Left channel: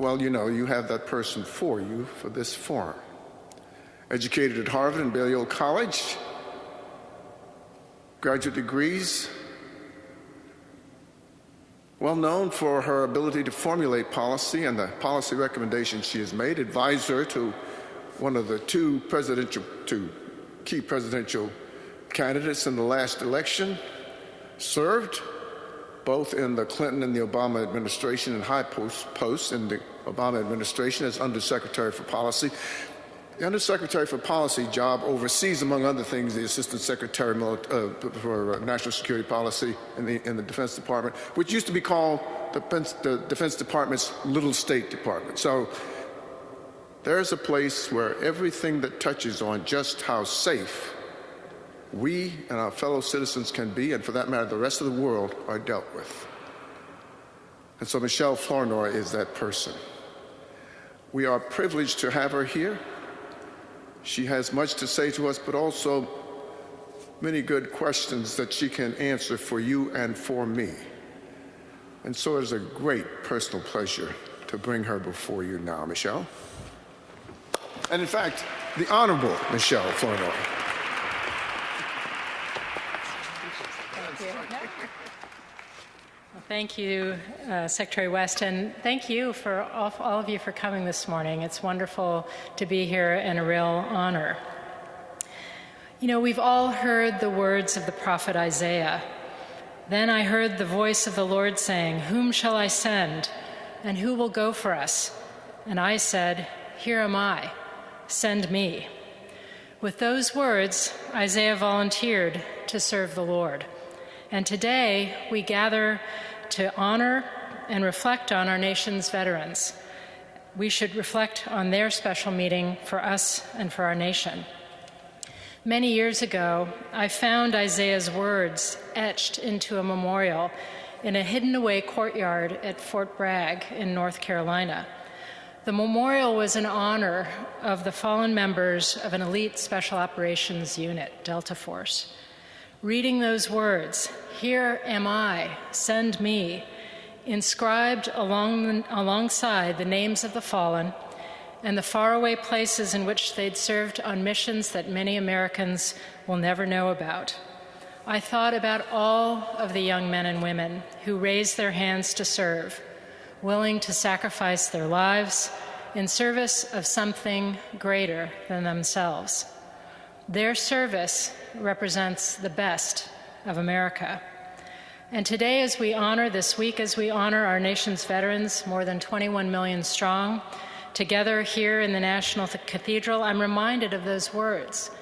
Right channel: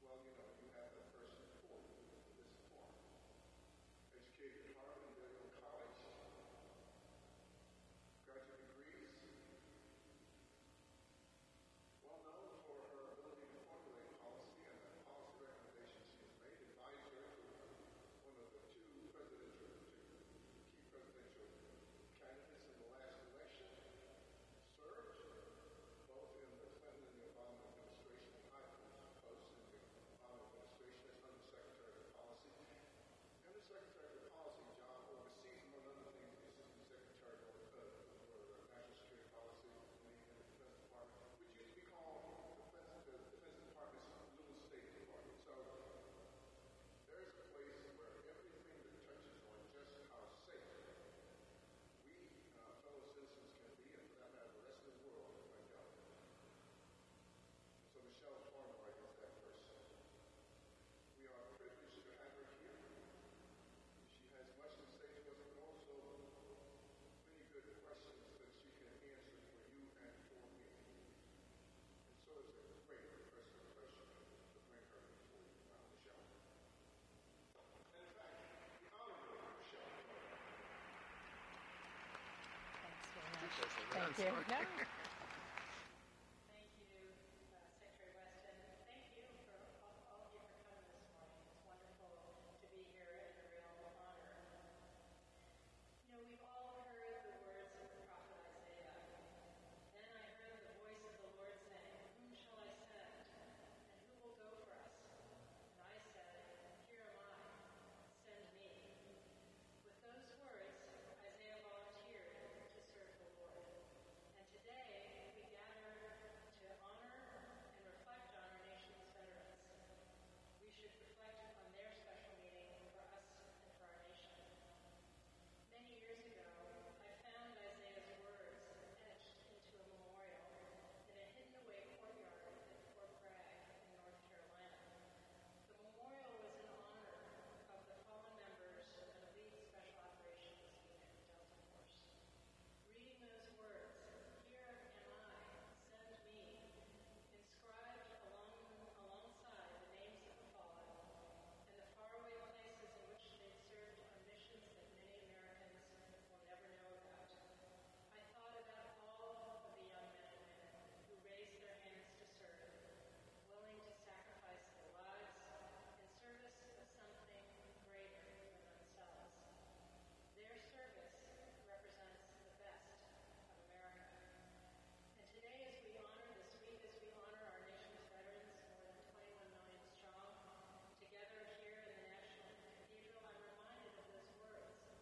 Well, you know, you have that person for you for this forum. Educated at Harvard and Balliol College, graduate degrees, well known for her ability to formulate policy and the policy recommendations she has made, advisor to one of the two key presidential candidates in the last election, served both in the Clinton and the Obama administration and high posts in the Obama administration as Undersecretary for Policy. The Undersecretary for Policy job oversees, among other things, the Assistant Secretary for National Security Policy in the Defense Department, which used to be called the Defense Department's Little State Department. So there's a place where everything that touches on just how safe we and our fellow citizens can be, and for that matter, the rest of the world, are dealt with. And so Michèle Flournoy is that person. We are privileged to have her here. She has much to say to us, but also many good questions that she can answer for you and for me. And so it is a great personal pleasure to bring her before you now, Michèle. And in fact, the Honorable Michèle Flournoy. Thank you, Secretary West, and thank you for all of you for coming this morning. It's wonderful to be here and a real honor. You know, we've all heard the words of the prophet Isaiah. Then I heard the voice of the Lord saying, "Whom shall I send, and who will go for us?" And I said, "Here am I, send me." With those words, Isaiah volunteered to serve the Lord. And today we gather to honor and reflect on our nation's veterans. We should reflect on their special meaning for us and for our nation. Many years ago, I found Isaiah's words etched into a memorial in a hidden-away courtyard at Fort Bragg in North Carolina. The memorial was in honor of the fallen members of an elite special operations unit, Delta Force. Reading those words, "Here am I, send me," inscribed alongside the names of the fallen and the faraway places in which they'd served on missions that many Americans will never know about. I thought about all of the young men and women who raised their hands to serve, willing to sacrifice their lives in service of something greater than themselves. Their service represents the best of America. And today, this week, as we honor our nation's veterans, more than 21 million strong, together here in the National Cathedral, I'm reminded of those words,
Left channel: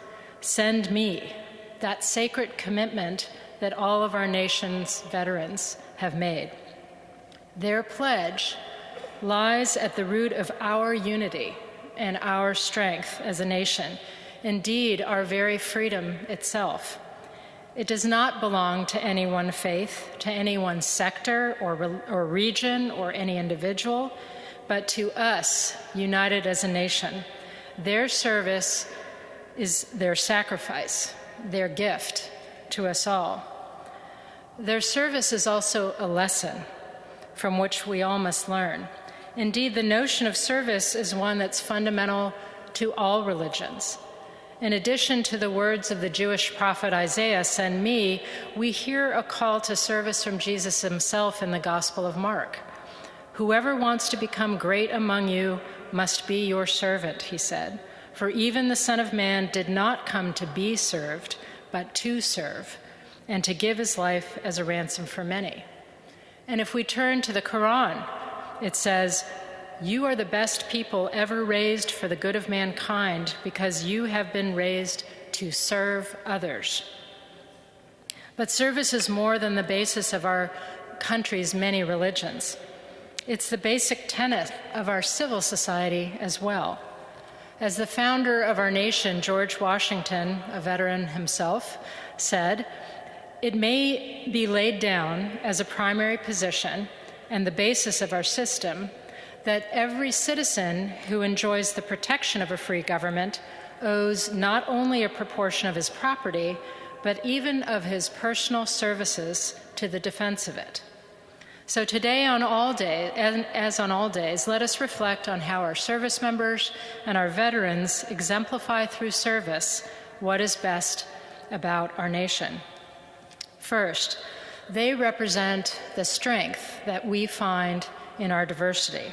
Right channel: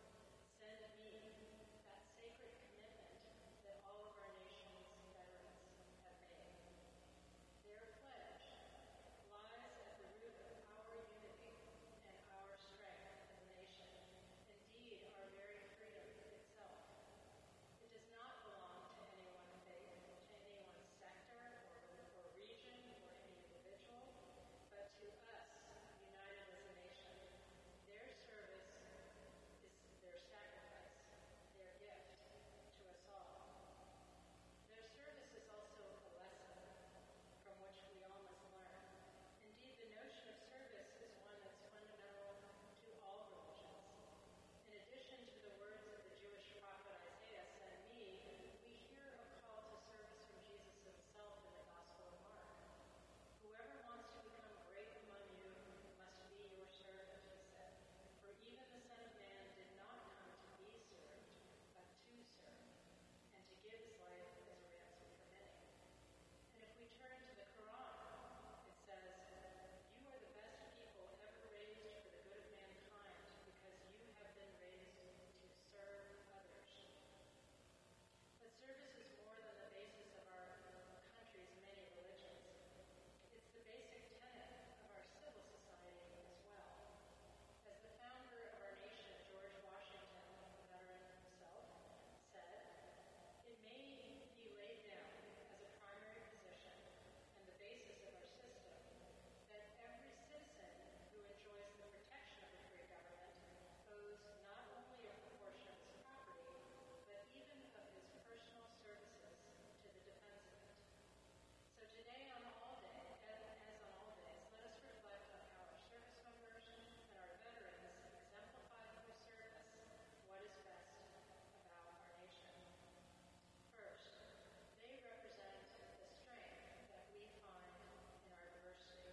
"Send me," that sacred commitment that all of our nation's veterans have made. Their pledge lies at the root of our unity and our strength as a nation, indeed, our very freedom itself. It does not belong to any one faith, to any one sector or region or any individual, but to us, united as a nation. Their service is their sacrifice, their gift to us all. Their service is also a lesson from which we all must learn. Indeed, the notion of service is one that's fundamental to all religions. In addition to the words of the Jewish prophet Isaiah, "Send me," we hear a call to service from Jesus himself in the Gospel of Mark. "Whoever wants to become great among you must be your servant," he said. "For even the Son of Man did not come to be served, but to serve, and to give his life as a ransom for many." And if we turn to the Quran, it says, "You are the best people ever raised for the good of mankind because you have been raised to serve others." But service is more than the basis of our country's many religions. It's the basic tenet of our civil society as well. As the founder of our nation, George Washington, a veteran himself, said, "It may be laid down as a primary position and the basis of our system that every citizen who enjoys the protection of a free government owes not only a proportion of his property, but even of his personal services to the defense of it." So today, as on all days, let us reflect on how our service members and our veterans exemplify through service what is best about our nation. First, they represent the strength that we find in our diversity.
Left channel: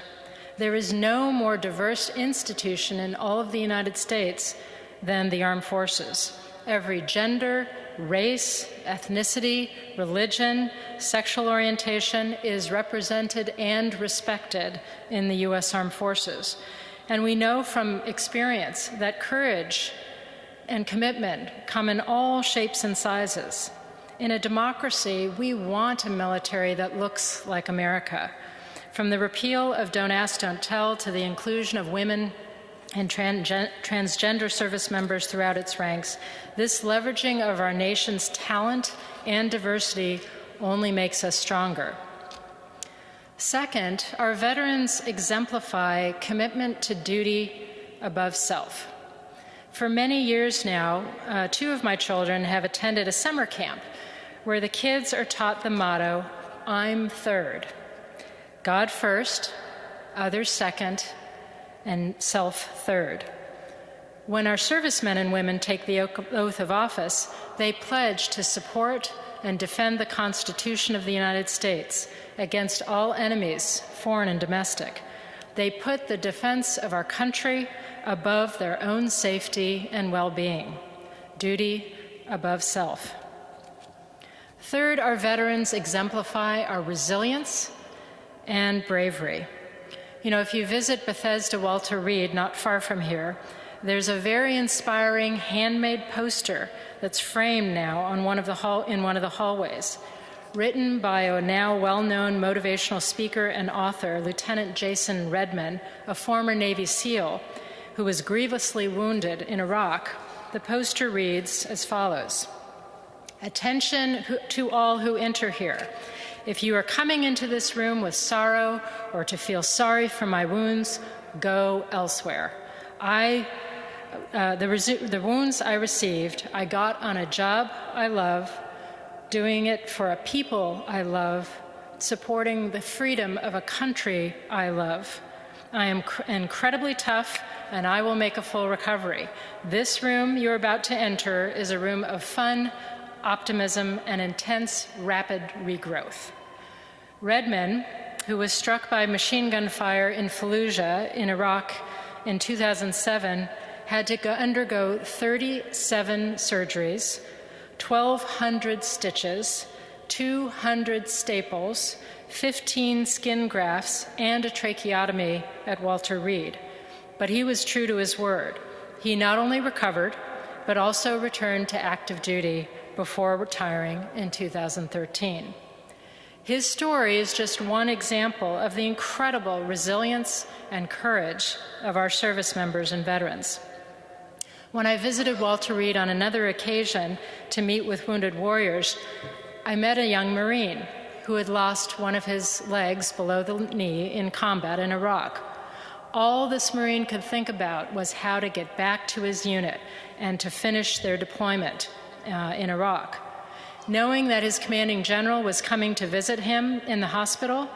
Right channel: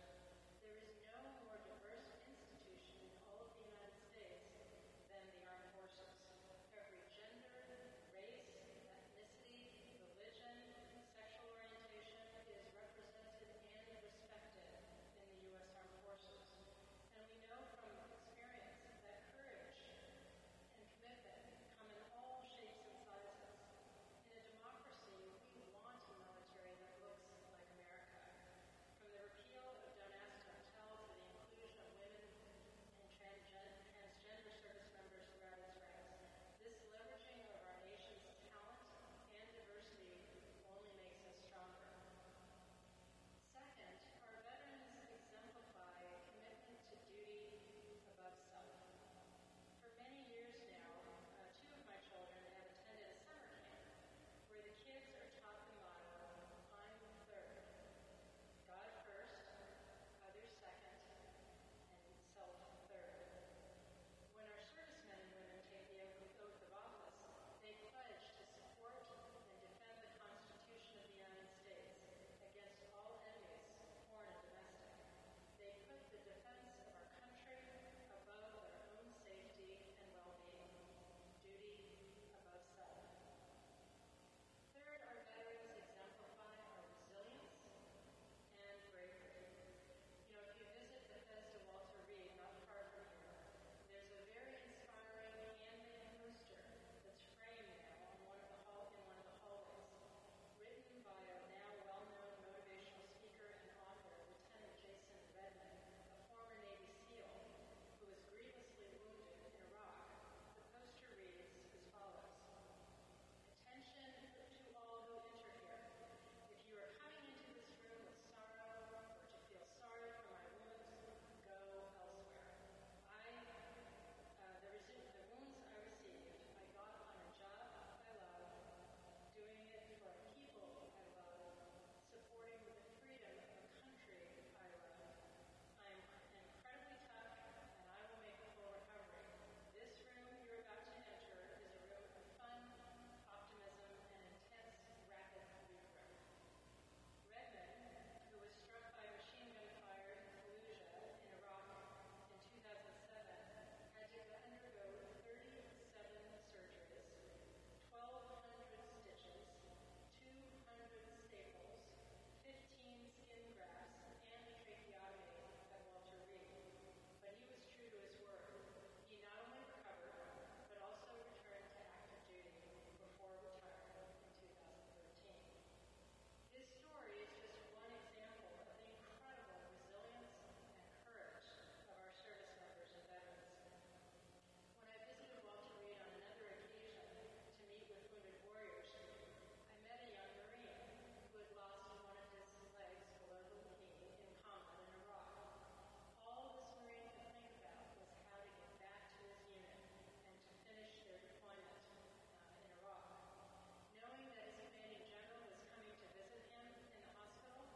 There is no more diverse institution in all of the United States than the armed forces. Every gender, race, ethnicity, religion, sexual orientation is represented and respected in the U.S. Armed Forces. And we know from experience that courage and commitment come in all shapes and sizes. In a democracy, we want a military that looks like America. From the repeal of Don't Ask, Don't Tell to the inclusion of women and transgender service members throughout its ranks, this leveraging of our nation's talent and diversity only makes us stronger. Second, our veterans exemplify commitment to duty above self. For many years now, 2 of my children have attended a summer camp where the kids are taught the motto, "I'm third." God first, others second, and self third. When our servicemen and women take the oath of office, they pledge to support and defend the Constitution of the United States against all enemies, foreign and domestic. They put the defense of our country above their own safety and well-being. Duty above self. Third, our veterans exemplify our resilience and bravery. You know, if you visit Bethesda Walter Reed, not far from here, there's a very inspiring handmade poster that's framed now on in one of the hallways, written by a now well-known motivational speaker and author, Lieutenant Jason Redman, a former Navy SEAL who was grievously wounded in Iraq. The poster reads as follows: "Attention to all who enter here. If you are coming into this room with sorrow or to feel sorry for my wounds, go elsewhere. The wounds I received, I got on a job I love, doing it for a people I love, supporting the freedom of a country I love. I am incredibly tough, and I will make a full recovery. This room you're about to enter is a room of fun, optimism, and intense, rapid regrowth." Redman, who was struck by machine gun fire in Fallujah in Iraq in 2007, had to undergo 37 surgeries, 1,200 stitches, 200 staples, 15 skin grafts, and a tracheotomy at Walter Reed. But he was true to his word. He not only recovered, but also returned to active duty before retiring in 2013. His story is just one example of the incredible resilience and courage of our service members and veterans. When I visited Walter Reed on another occasion to meet with wounded warriors, I met a young Marine who had lost one of his legs below the knee in combat in Iraq. All this Marine could think about was how to get back to his unit and to finish their deployment in Iraq. Knowing that his commanding general was coming to visit him in the hospital,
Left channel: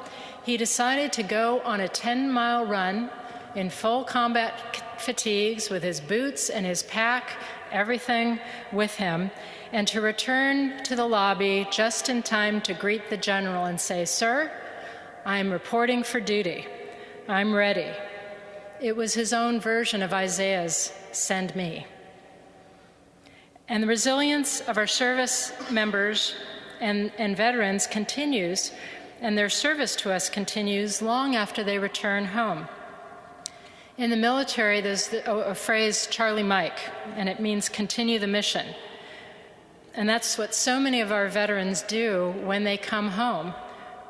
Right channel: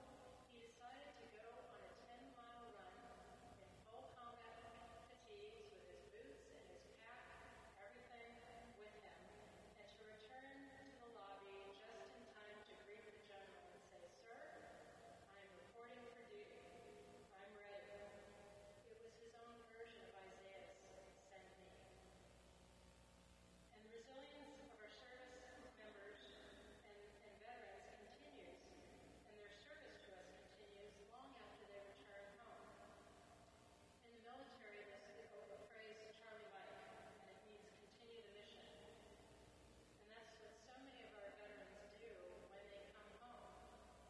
he decided to go on a 10-mile run in full combat fatigues with his boots and his pack, everything with him, and to return to the lobby just in time to greet the general and say, "Sir, I'm reporting for duty. I'm ready." It was his own version of Isaiah's "Send me." And the resilience of our service members and veterans continues, and their service to us continues long after they return home. In the military, there's a phrase, Charlie Mike, and it means continue the mission. And that's what so many of our veterans do when they come home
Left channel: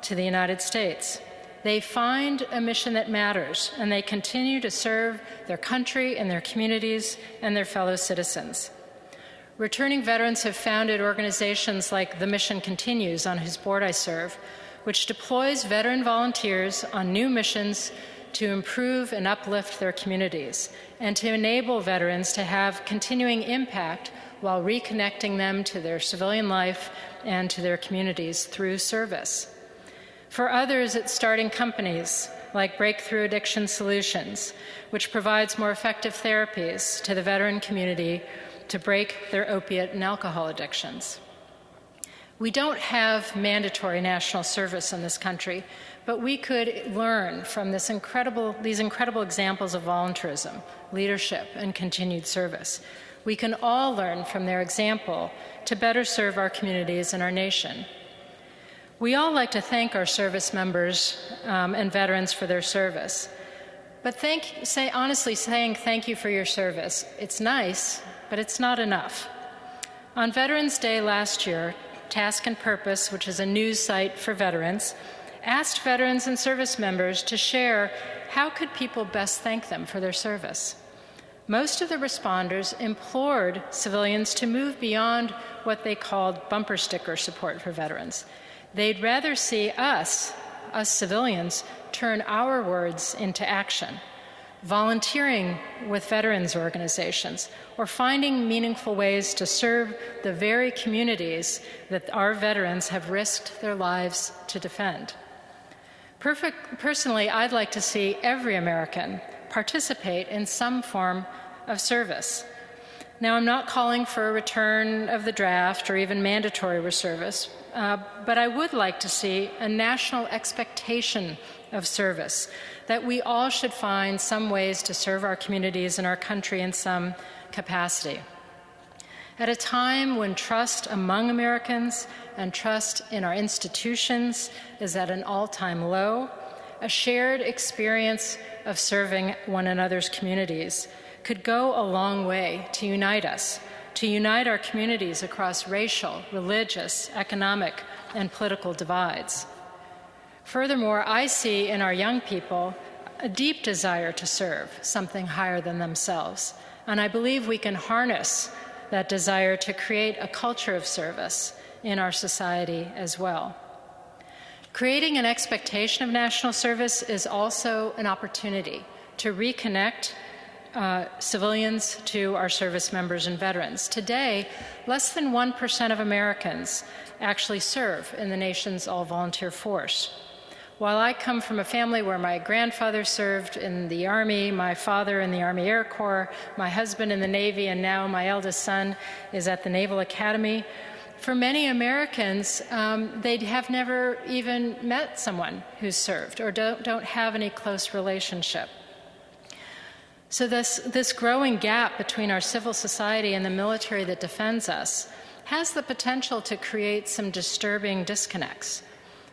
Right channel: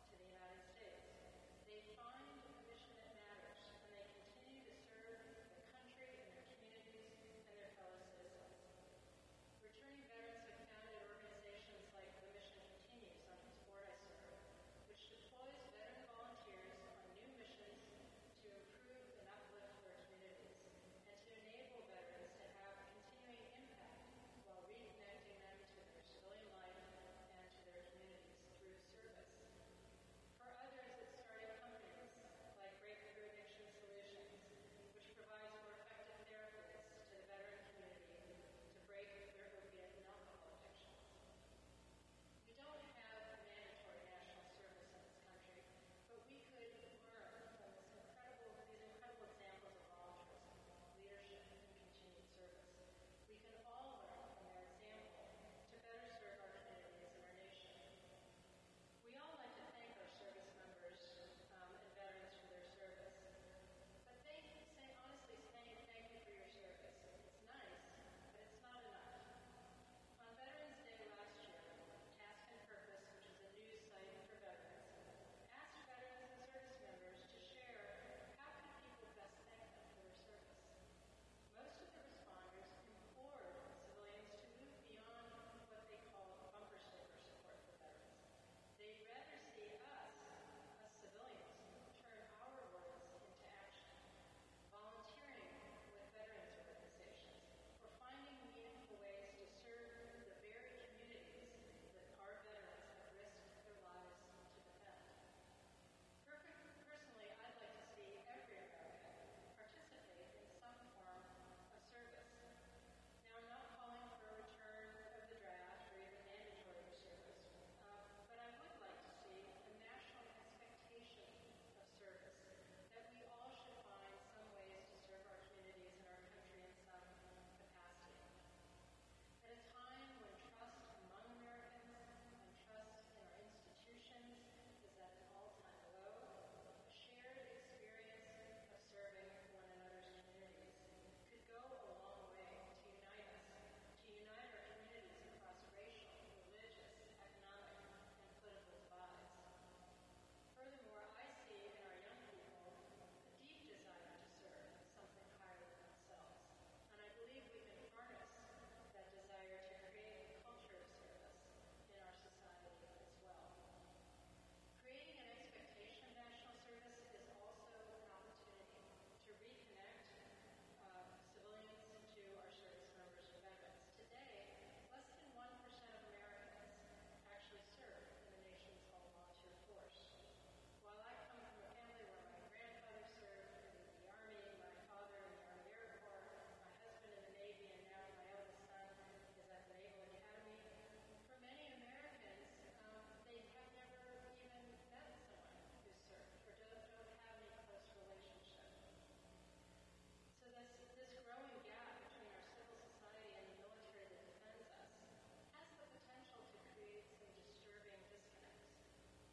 to the United States. They find a mission that matters, and they continue to serve their country and their communities and their fellow citizens. Returning veterans have founded organizations like The Mission Continues, on whose board I serve, which deploys veteran volunteers on new missions to improve and uplift their communities and to enable veterans to have continuing impact while reconnecting them to their civilian life and to their communities through service. For others, it's starting companies like Breakthrough Addiction Solutions, which provides more effective therapies to the veteran community to break their opiate and alcohol addictions. We don't have mandatory national service in this country, but we could learn from these incredible examples of volunteerism, leadership, and continued service. We can all learn from their example to better serve our communities and our nation. We all like to thank our service members and veterans for their service. But honestly, saying thank you for your service, it's nice, but it's not enough. On Veterans Day last year, Task and Purpose, which is a news site for veterans, asked veterans and service members to share how could people best thank them for their service. Most of the responders implored civilians to move beyond what they called bumper sticker support for veterans. They'd rather see us civilians, turn our words into action, volunteering with veterans organizations, or finding meaningful ways to serve the very communities that our veterans have risked their lives to defend. Personally, I'd like to see every American participate in some form of service. Now, I'm not calling for a return of the draft or even mandatory service, but I would like to see a national expectation of service, that we all should find some ways to serve our communities and our country in some capacity. At a time when trust among Americans and trust in our institutions is at an all-time low, a shared experience of serving one another's communities could go a long way to unite us, to unite our communities across racial, religious, economic, and political divides. Furthermore, I see in our young people a deep desire to serve something higher than themselves, and I believe we can harness that desire to create a culture of service in our society as well. Creating an expectation of national service is also an opportunity to reconnect civilians to our service members and veterans. Today, less than 1% of Americans actually serve in the nation's all-volunteer force. While I come from a family where my grandfather served in the Army, my father in the Army Air Corps, my husband in the Navy, and now my eldest son is at the Naval Academy, for many Americans, they have never even met someone who's served or don't have any close relationship. So this growing gap between our civil society and the military that defends us has the potential to create some disturbing disconnects.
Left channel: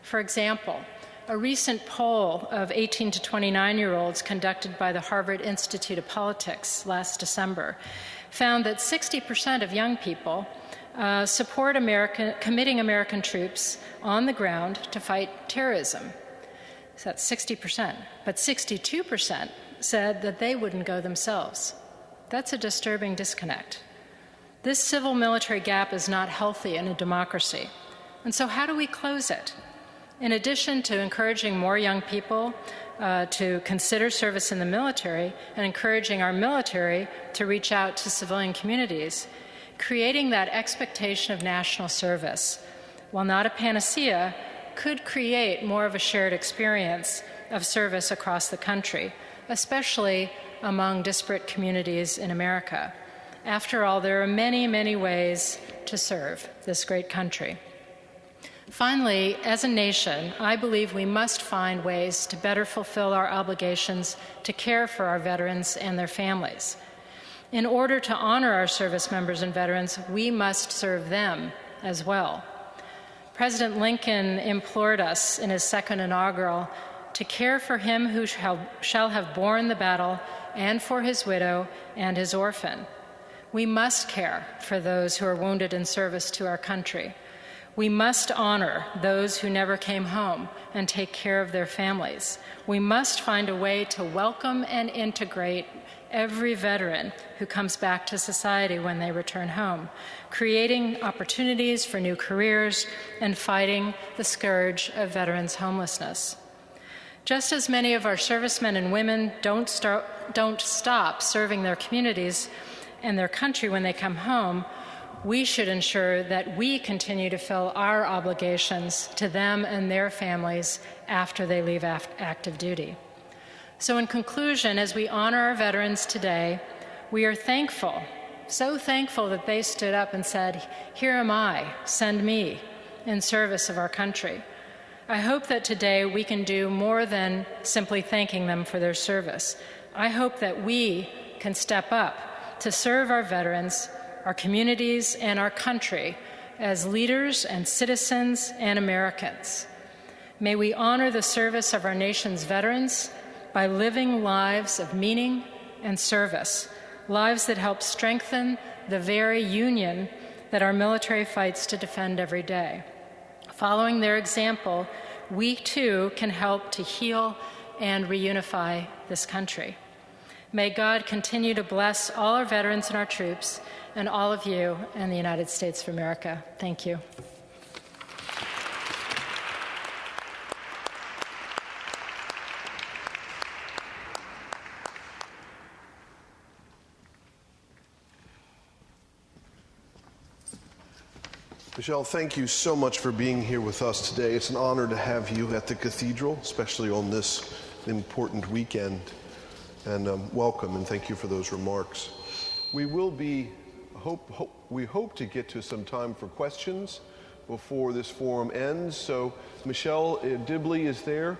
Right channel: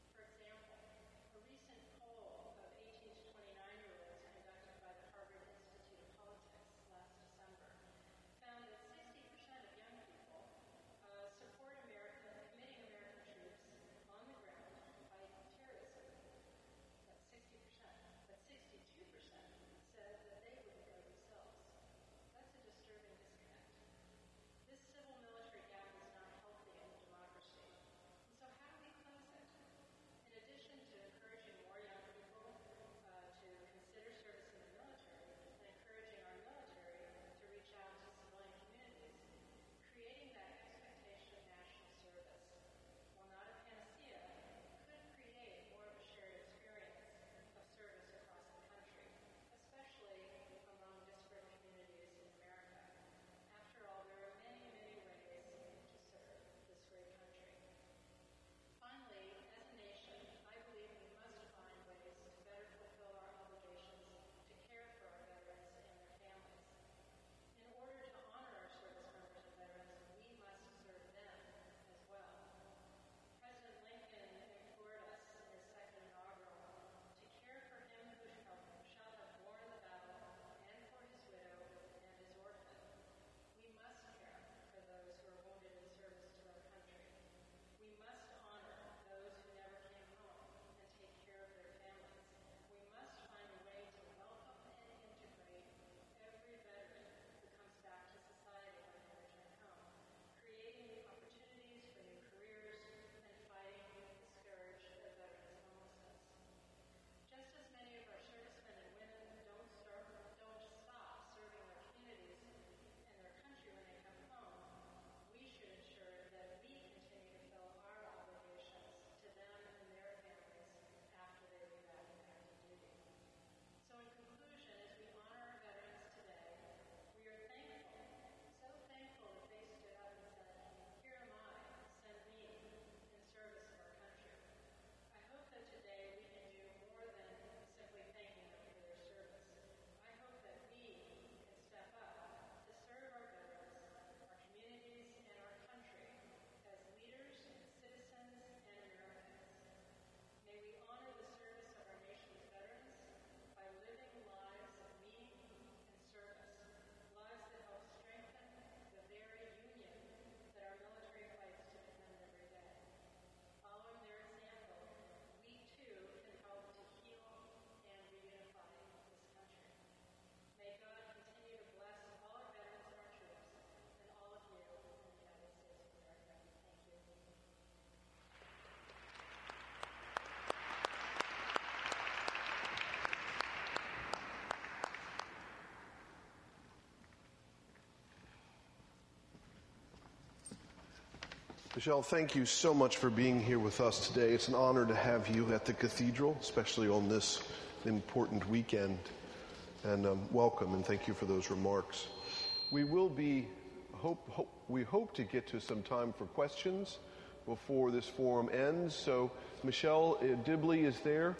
For example, a recent poll of 18 to 29-year-olds conducted by the Harvard Institute of Politics last December found that 60% of young people support committing American troops on the ground to fight terrorism. So that's 60%. But 62% said that they wouldn't go themselves. That's a disturbing disconnect. This civil-military gap is not healthy in a democracy. And so how do we close it? In addition to encouraging more young people to consider service in the military and encouraging our military to reach out to civilian communities, creating that expectation of national service, while not a panacea, could create more of a shared experience of service across the country, especially among disparate communities in America. After all, there are many, many ways to serve this great country. Finally, as a nation, I believe we must find ways to better fulfill our obligations to care for our veterans and their families. In order to honor our service members and veterans, we must serve them as well. President Lincoln implored us in his second inaugural to care for him who shall have borne the battle, and for his widow and his orphan. We must care for those who are wounded in service to our country. We must honor those who never came home and take care of their families. We must find a way to welcome and integrate every veteran who comes back to society when they return home, creating opportunities for new careers and fighting the scourge of veterans' homelessness. Just as many of our servicemen and women don't stop serving their communities and their country when they come home, we should ensure that we continue to fill our obligations to them and their families after they leave active duty. So in conclusion, as we honor our veterans today, we are thankful, so thankful that they stood up and said, "Here am I, send me," in service of our country. I hope that today we can do more than simply thanking them for their service. I hope that we can step up to serve our veterans, our communities, and our country as leaders and citizens and Americans. May we honor the service of our nation's veterans by living lives of meaning and service, lives that help strengthen the very union that our military fights to defend every day. Following their example, we too can help to heal and reunify this country. May God continue to bless all our veterans and our troops, and all of you in the United States of America. Thank you. Michèle, thank you so much for being here with us today. It's an honor to have you at the Cathedral, especially on this important weekend. And welcome, and thank you for those remarks. We hope to get to some time for questions before this forum ends. So Michèle Dibley is there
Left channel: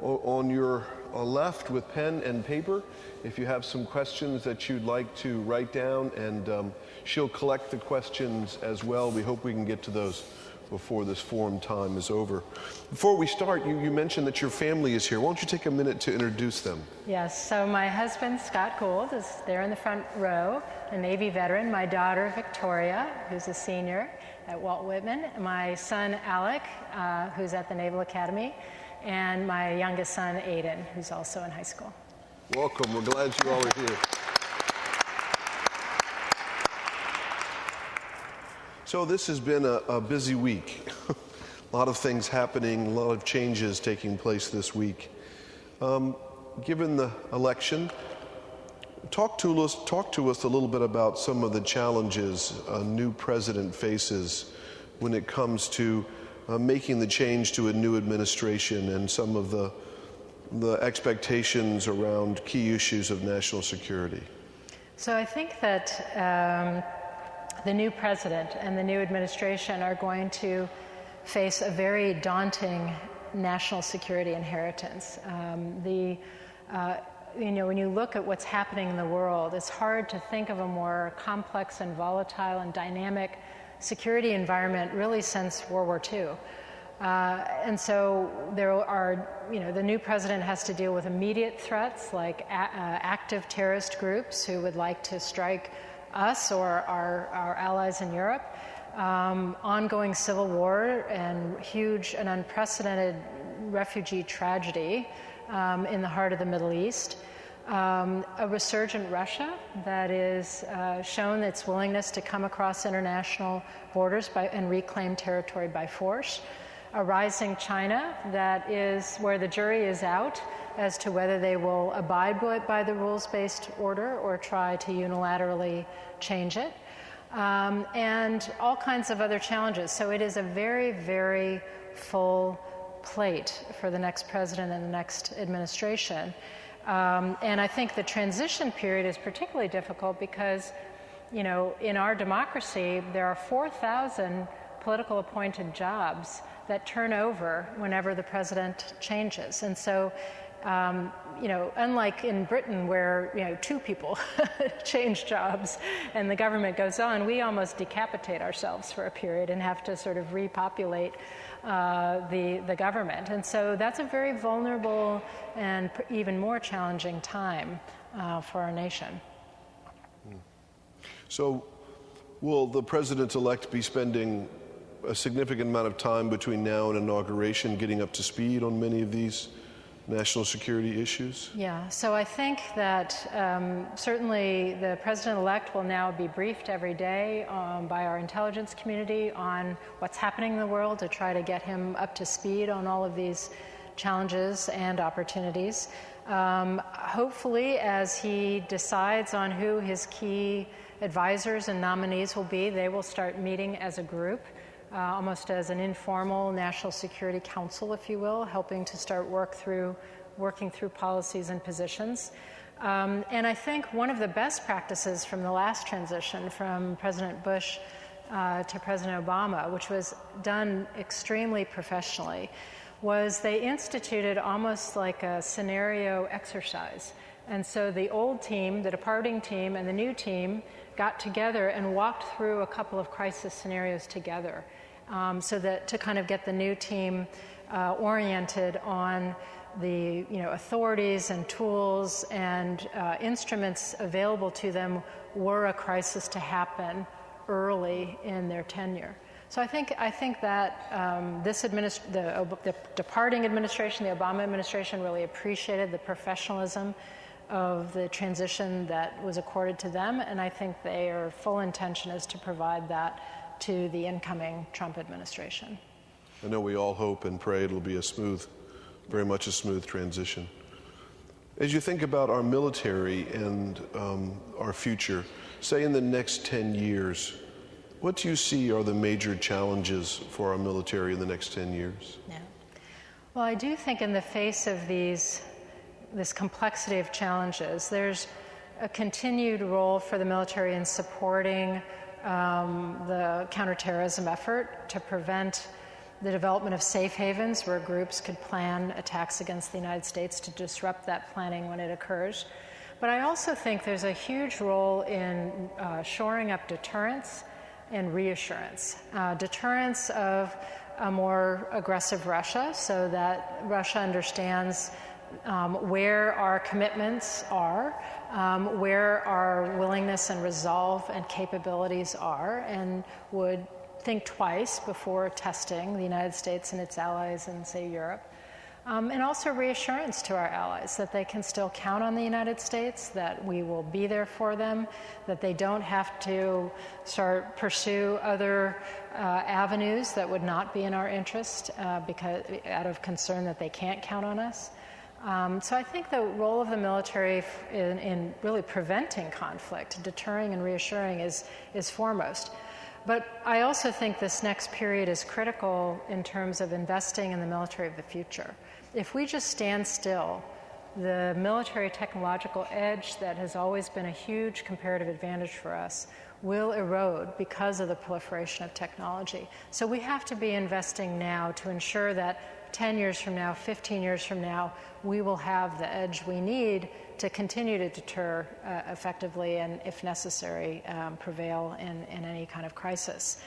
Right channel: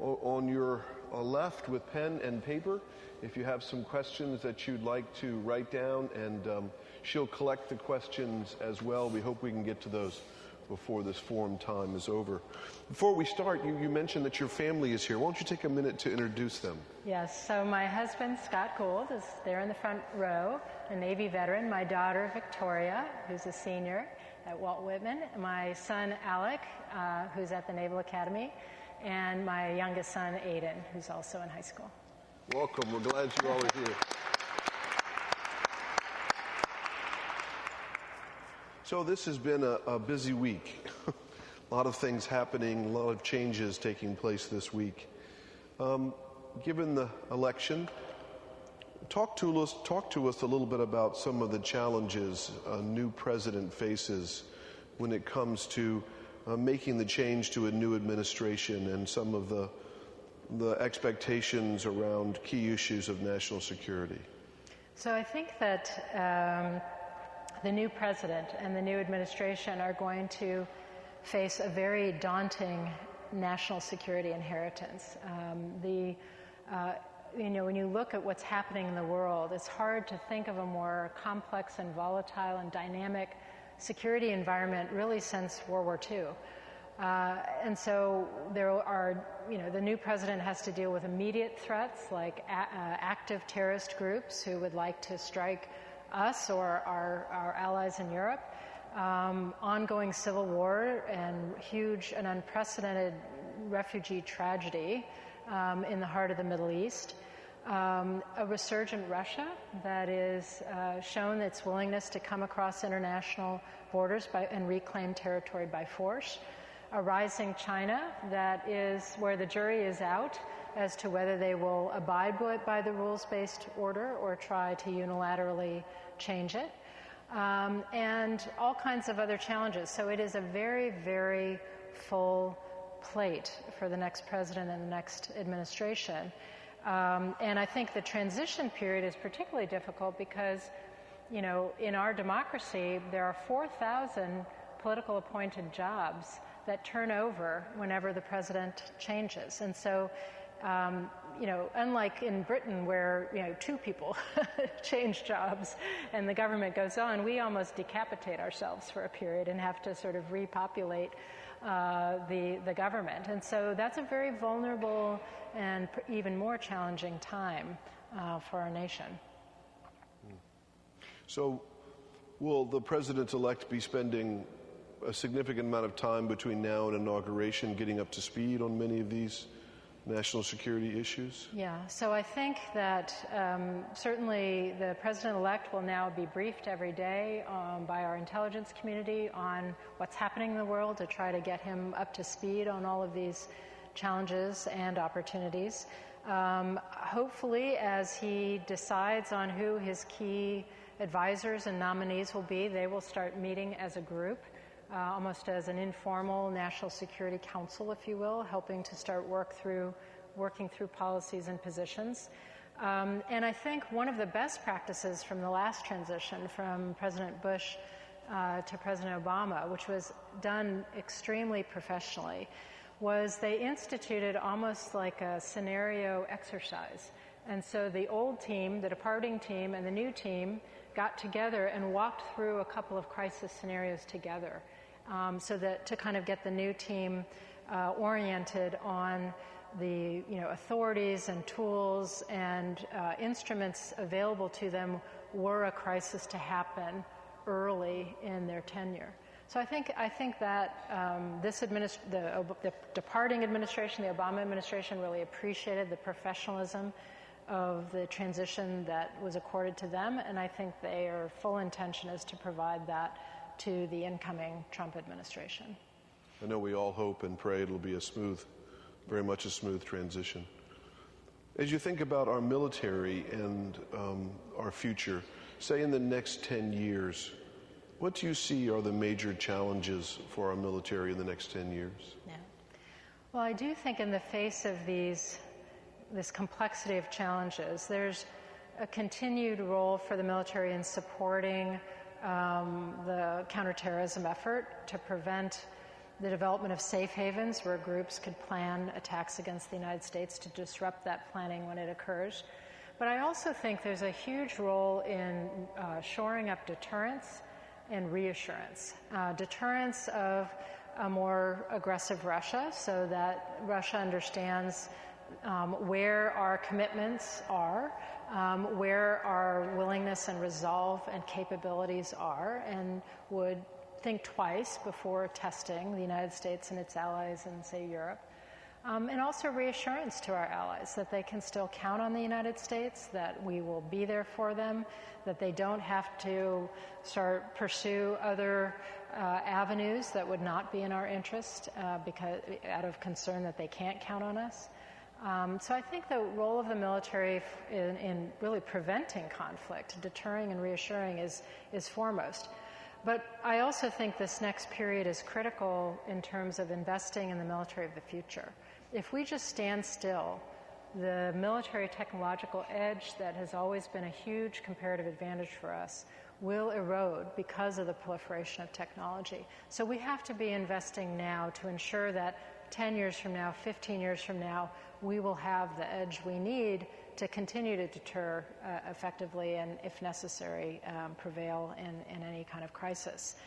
on your left with pen and paper. If you have some questions that you'd like to write down, and she'll collect the questions as well. We hope we can get to those before this forum time is over. Before we start, you mentioned that your family is here. Why don't you take a minute to introduce them? Yes, so my husband, Scott Gould, is there in the front row, a Navy veteran. My daughter, Victoria, who's a senior at Walt Whitman. My son, Alec, who's at the Naval Academy. And my youngest son, Aiden, who's also in high school. Welcome. We're glad you all are here. So this has been a busy week. A lot of things happening, a lot of changes taking place this week. Given the election, talk to us a little bit about some of the challenges a new president faces when it comes to making the change to a new administration and some of the expectations around key issues of national security. So I think that the new president and the new administration are going to face a very daunting national security inheritance. When you look at what's happening in the world, it's hard to think of a more complex and volatile and dynamic security environment really since World War II. And so there are, the new president has to deal with immediate threats like active terrorist groups who would like to strike us or our allies in Europe, ongoing civil war and huge and unprecedented refugee tragedy in the heart of the Middle East, a resurgent Russia that is shown its willingness to come across international borders and reclaim territory by force, a rising China that is where the jury is out as to whether they will abide by the rules-based order or try to unilaterally change it, and all kinds of other challenges. So it is a very, very full plate for the next president and the next administration. And I think the transition period is particularly difficult because, in our democracy, there are 4,000 political appointed jobs that turn over whenever the president changes. And so, unlike in Britain where, two people change jobs and the government goes on, we almost decapitate ourselves for a period and have to sort of repopulate the government. And so that's a very vulnerable and even more challenging time for our nation. So will the president-elect be spending a significant amount of time between now and inauguration getting up to speed on many of these national security issues? Yeah, so I think that certainly the president-elect will now be briefed every day by our intelligence community on what's happening in the world to try to get him up to speed on all of these challenges and opportunities. Hopefully, as he decides on who his key advisors and nominees will be. They will start meeting as a group, almost as an informal National Security Council, if you will, helping to start working through policies and positions. And I think one of the best practices from the last transition from President Bush to President Obama, which was done extremely professionally, was they instituted almost like a scenario exercise. And so the old team, the departing team, and the new team got together and walked through a couple of crisis scenarios together, so that to kind of get the new team oriented on the authorities and tools and instruments available to them were a crisis to happen early in their tenure. So I think that the departing administration, the Obama administration, really appreciated the professionalism of the transition that was accorded to them, and I think their full intention is to provide that to the incoming Trump administration. I know we all hope and pray it'll be very much a smooth transition. As you think about our military and our future, say in the next 10 years, what do you see are the major challenges for our military in the next 10 years? Yeah. Well, I do think in the face of this complexity of challenges, there's a continued role for the military in supporting the counterterrorism effort to prevent the development of safe havens where groups could plan attacks against the United States to disrupt that planning when it occurs. But I also think there's a huge role in shoring up deterrence and reassurance. Deterrence of a more aggressive Russia, so that Russia understands where our commitments are, where our willingness and resolve and capabilities are, and would think twice before testing the United States and its allies in, say, Europe. And also reassurance to our allies that they can still count on the United States, that we will be there for them, that they don't have to pursue other avenues that would not be in our interest because out of concern that they can't count on us. So I think the role of the military in really preventing conflict, deterring and reassuring is foremost. But I also think this next period is critical in terms of investing in the military of the future. If we just stand still, the military technological edge that has always been a huge comparative advantage for us will erode because of the proliferation of technology. So we have to be investing now to ensure that 10 years from now, 15 years from now, we will have the edge we need to continue to deter effectively and, if necessary, prevail in any kind of crisis.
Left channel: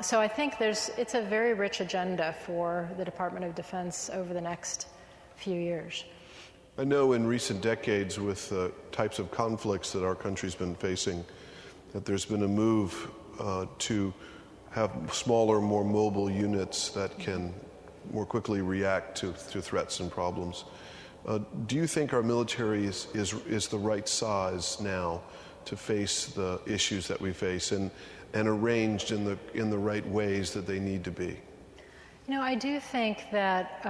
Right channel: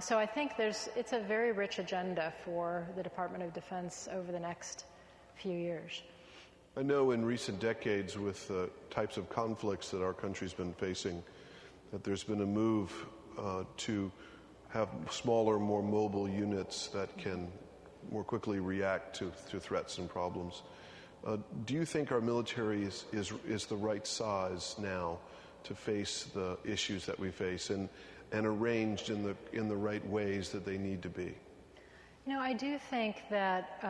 So I think it's a very rich agenda for the Department of Defense over the next few years. I know in recent decades with the types of conflicts that our country's been facing, that there's been a move to have smaller, more mobile units that can more quickly react to threats and problems. Do you think our military is the right size now to face the issues that we face and arranged in the right ways that they need to be? I do think that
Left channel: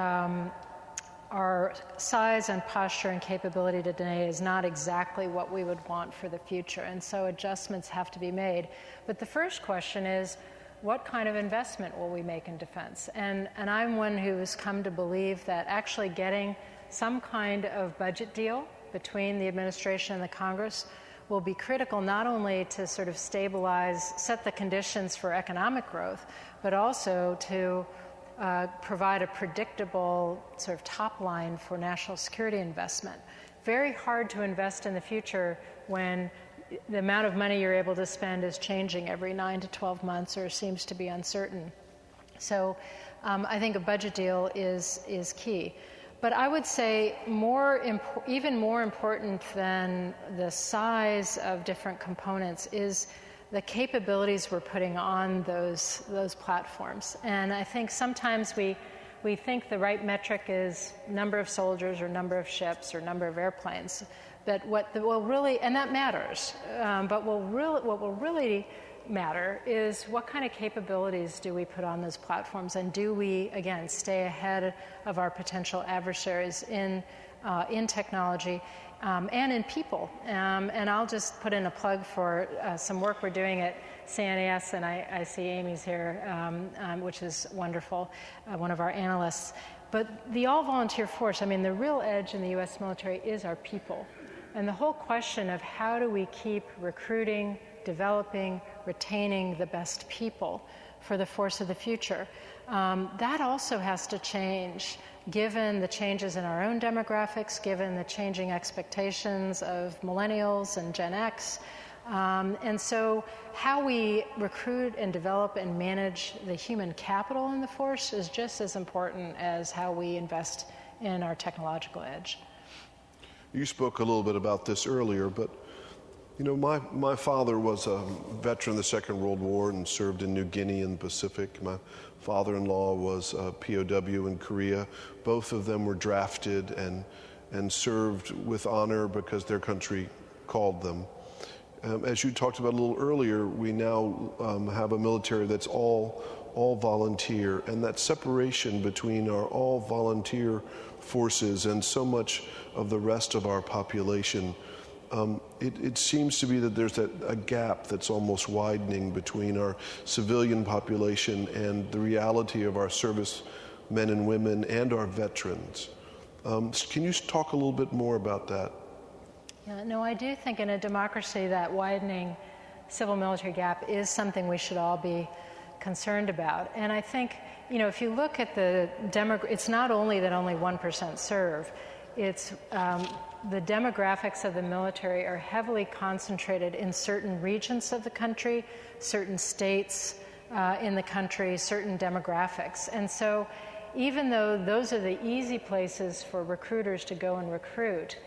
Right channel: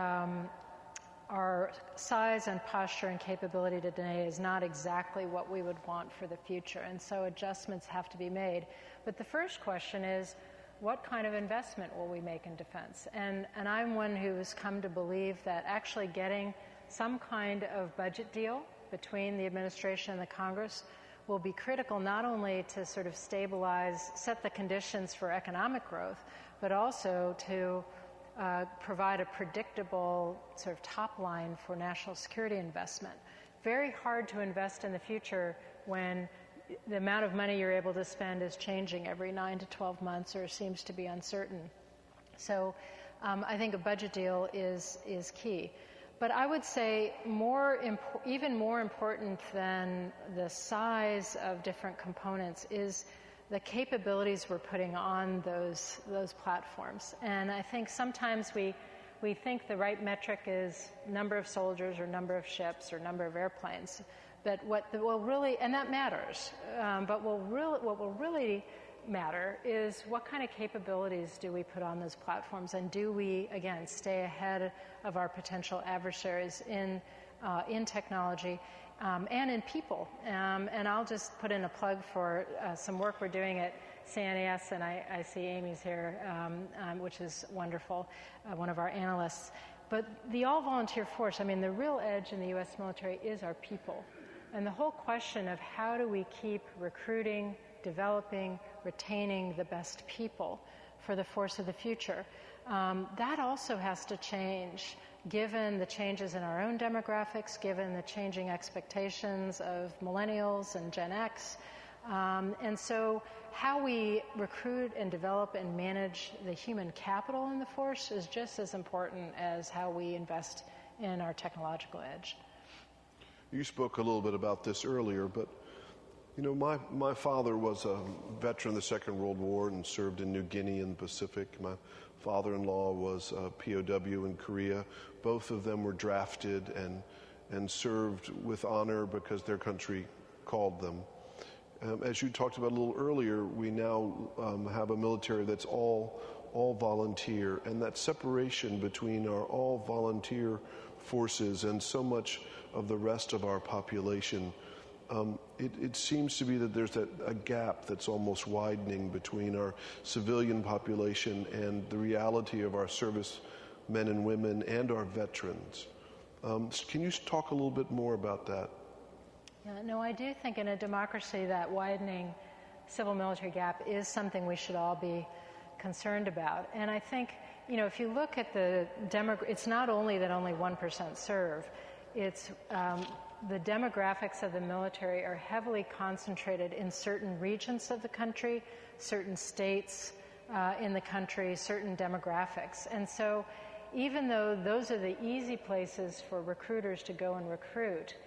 our size and posture and capability today is not exactly what we would want for the future, and so adjustments have to be made. But the first question is, what kind of investment will we make in defense? And I'm one who's come to believe that actually getting some kind of budget deal between the administration and the Congress will be critical, not only to sort of stabilize, set the conditions for economic growth, but also to provide a predictable sort of top line for national security investment. Very hard to invest in the future when the amount of money you're able to spend is changing every 9 to 12 months or seems to be uncertain. So I think a budget deal is key. But I would say even more important than the size of different components is the capabilities we're putting on those platforms. And I think sometimes we think the right metric is number of soldiers or number of ships or number of airplanes. But and that matters, but what will really matter is what kind of capabilities do we put on those platforms, and do we, again, stay ahead of our potential adversaries in in technology, and in people. And I'll just put in a plug for some work we're doing at CNES, and I see Amy's here, which is wonderful, one of our analysts. But the all-volunteer force, I mean, the real edge in the U.S. military is our people. And the whole question of how do we keep recruiting, developing, retaining the best people for the force of the future, that also has to change given the changes in our own demographics, given the changing expectations of millennials and Gen X. And so how we recruit and develop and manage the human capital in the force is just as important as how we invest in our technological edge. You spoke a little bit about this earlier, but you know, my father was a veteran of the Second World War and served in New Guinea and the Pacific. My father-in-law was a POW in Korea. Both of them were drafted and served with honor because their country called them. As you talked about a little earlier, we now have a military that's all volunteer, and that separation between our all volunteer forces and so much of the rest of our population, it seems to be that there's a gap that's almost widening between our civilian population and the reality of our service men and women and our veterans. Can you talk a little bit more about that? No, I do think in a democracy that widening civil-military gap is something we should all be concerned about. And I think, you know, if you look at it's not only that only 1% serve, it's the demographics of the military are heavily concentrated in certain regions of the country, certain states in the country, certain demographics. And so even though those are the easy places for recruiters to go and recruit,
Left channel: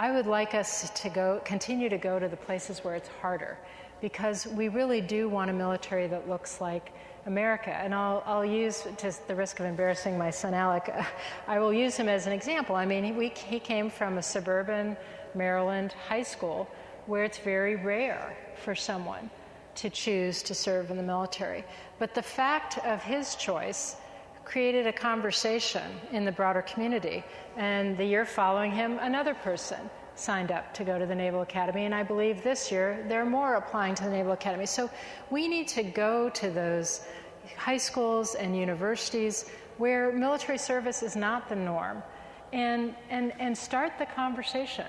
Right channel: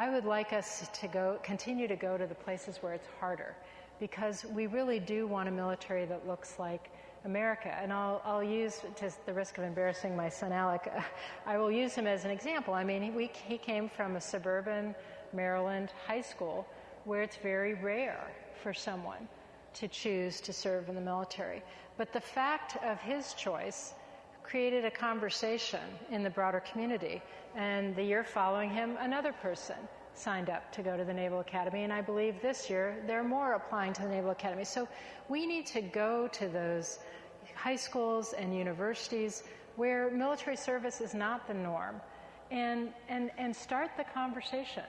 I would like us to continue to go to the places where it's harder, because we really do want a military that looks like America. And I'll use, just the risk of embarrassing my son Alec, I will use him as an example. I mean, he came from a suburban Maryland high school where it's very rare for someone to choose to serve in the military. But the fact of his choice created a conversation in the broader community. And the year following him, another person signed up to go to the Naval Academy. And I believe this year, there are more applying to the Naval Academy. So we need to go to those high schools and universities where military service is not the norm and start the conversation.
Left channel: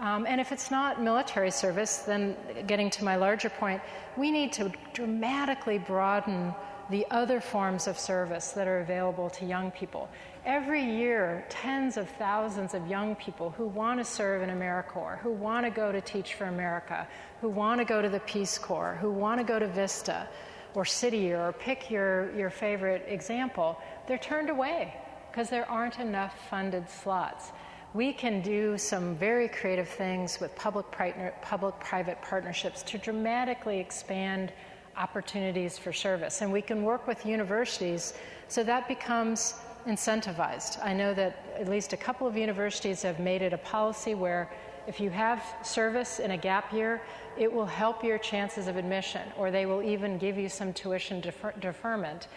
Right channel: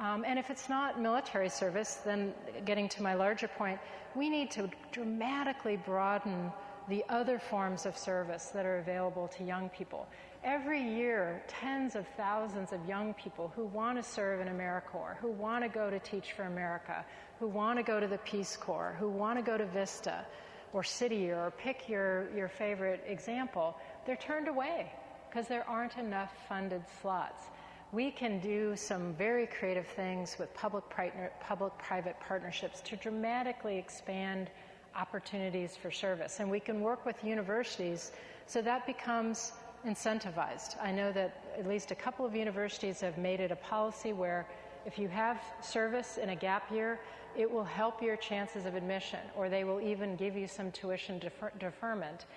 And if it's not military service, then getting to my larger point, we need to dramatically broaden the other forms of service that are available to young people. Every year, tens of thousands of young people who want to serve in AmeriCorps, who want to go to Teach for America, who want to go to the Peace Corps, who want to go to Vista or City Year, or pick your favorite example, they're turned away because there aren't enough funded slots. We can do some very creative things with public-private partnerships to dramatically expand opportunities for service. And we can work with universities so that becomes incentivized. I know that at least a couple of universities have made it a policy where if you have service in a gap year, it will help your chances of admission, or they will even give you some tuition deferment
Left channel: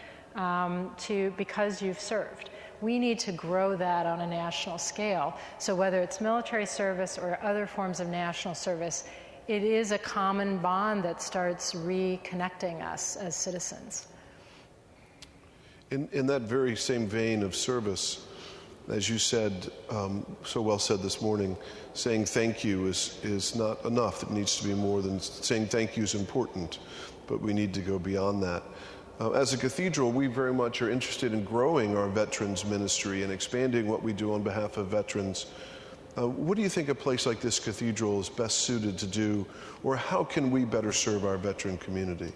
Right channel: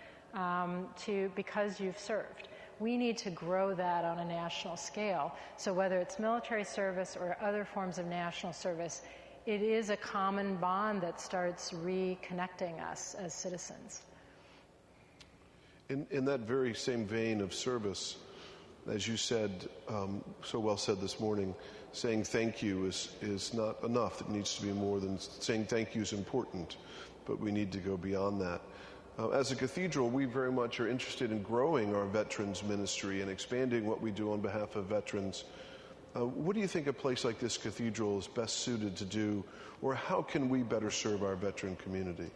because you've served. We need to grow that on a national scale. So whether it's military service or other forms of national service, it is a common bond that starts reconnecting us as citizens. In that very same vein of service, as you said, so well said this morning, saying thank you is not enough. It needs to be more than saying thank you is important, but we need to go beyond that. As a cathedral, we very much are interested in growing our veterans ministry and expanding what we do on behalf of veterans. What do you think a place like this cathedral is best suited to do, or how can we better serve our veteran community?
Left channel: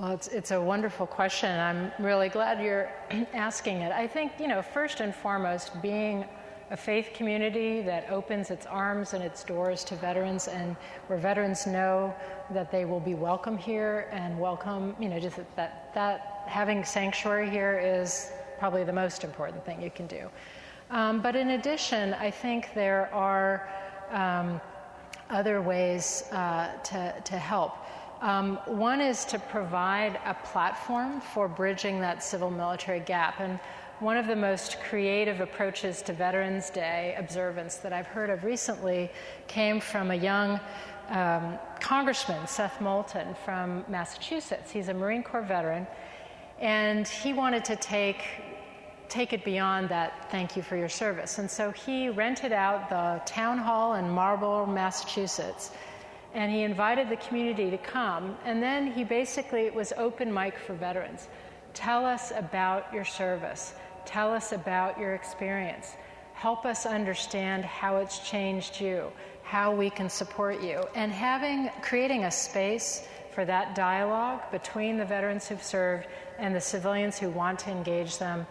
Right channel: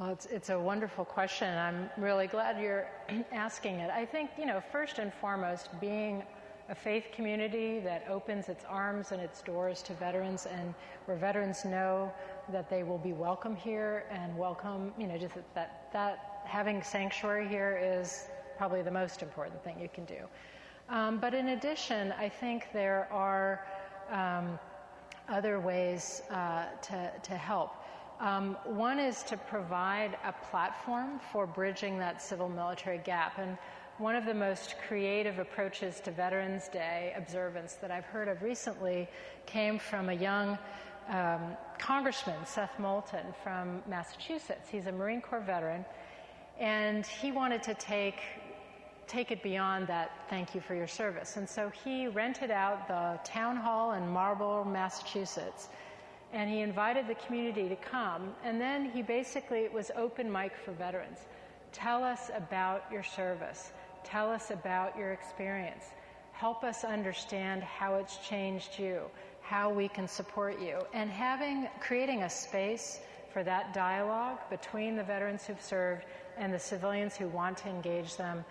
Well, it's a wonderful question. I'm really glad you're asking it. I think, you know, first and foremost, being a faith community that opens its arms and its doors to veterans, and where veterans know that they will be welcome here and welcome, you know, just that having sanctuary here is probably the most important thing you can do. But in addition, I think there are other ways to help. One is to provide a platform for bridging that civil-military gap. And one of the most creative approaches to Veterans Day observance that I've heard of recently came from a young Congressman, Seth Moulton from Massachusetts. He's a Marine Corps veteran, and he wanted to take it beyond that thank you for your service. And so he rented out the town hall in Marlborough, Massachusetts, and he invited the community to come. And then he basically, it was open mic for veterans. Tell us about your service. Tell us about your experience. Help us understand how it's changed you, how we can support you. And creating a space for that dialogue between the veterans who've served and the civilians who want to engage them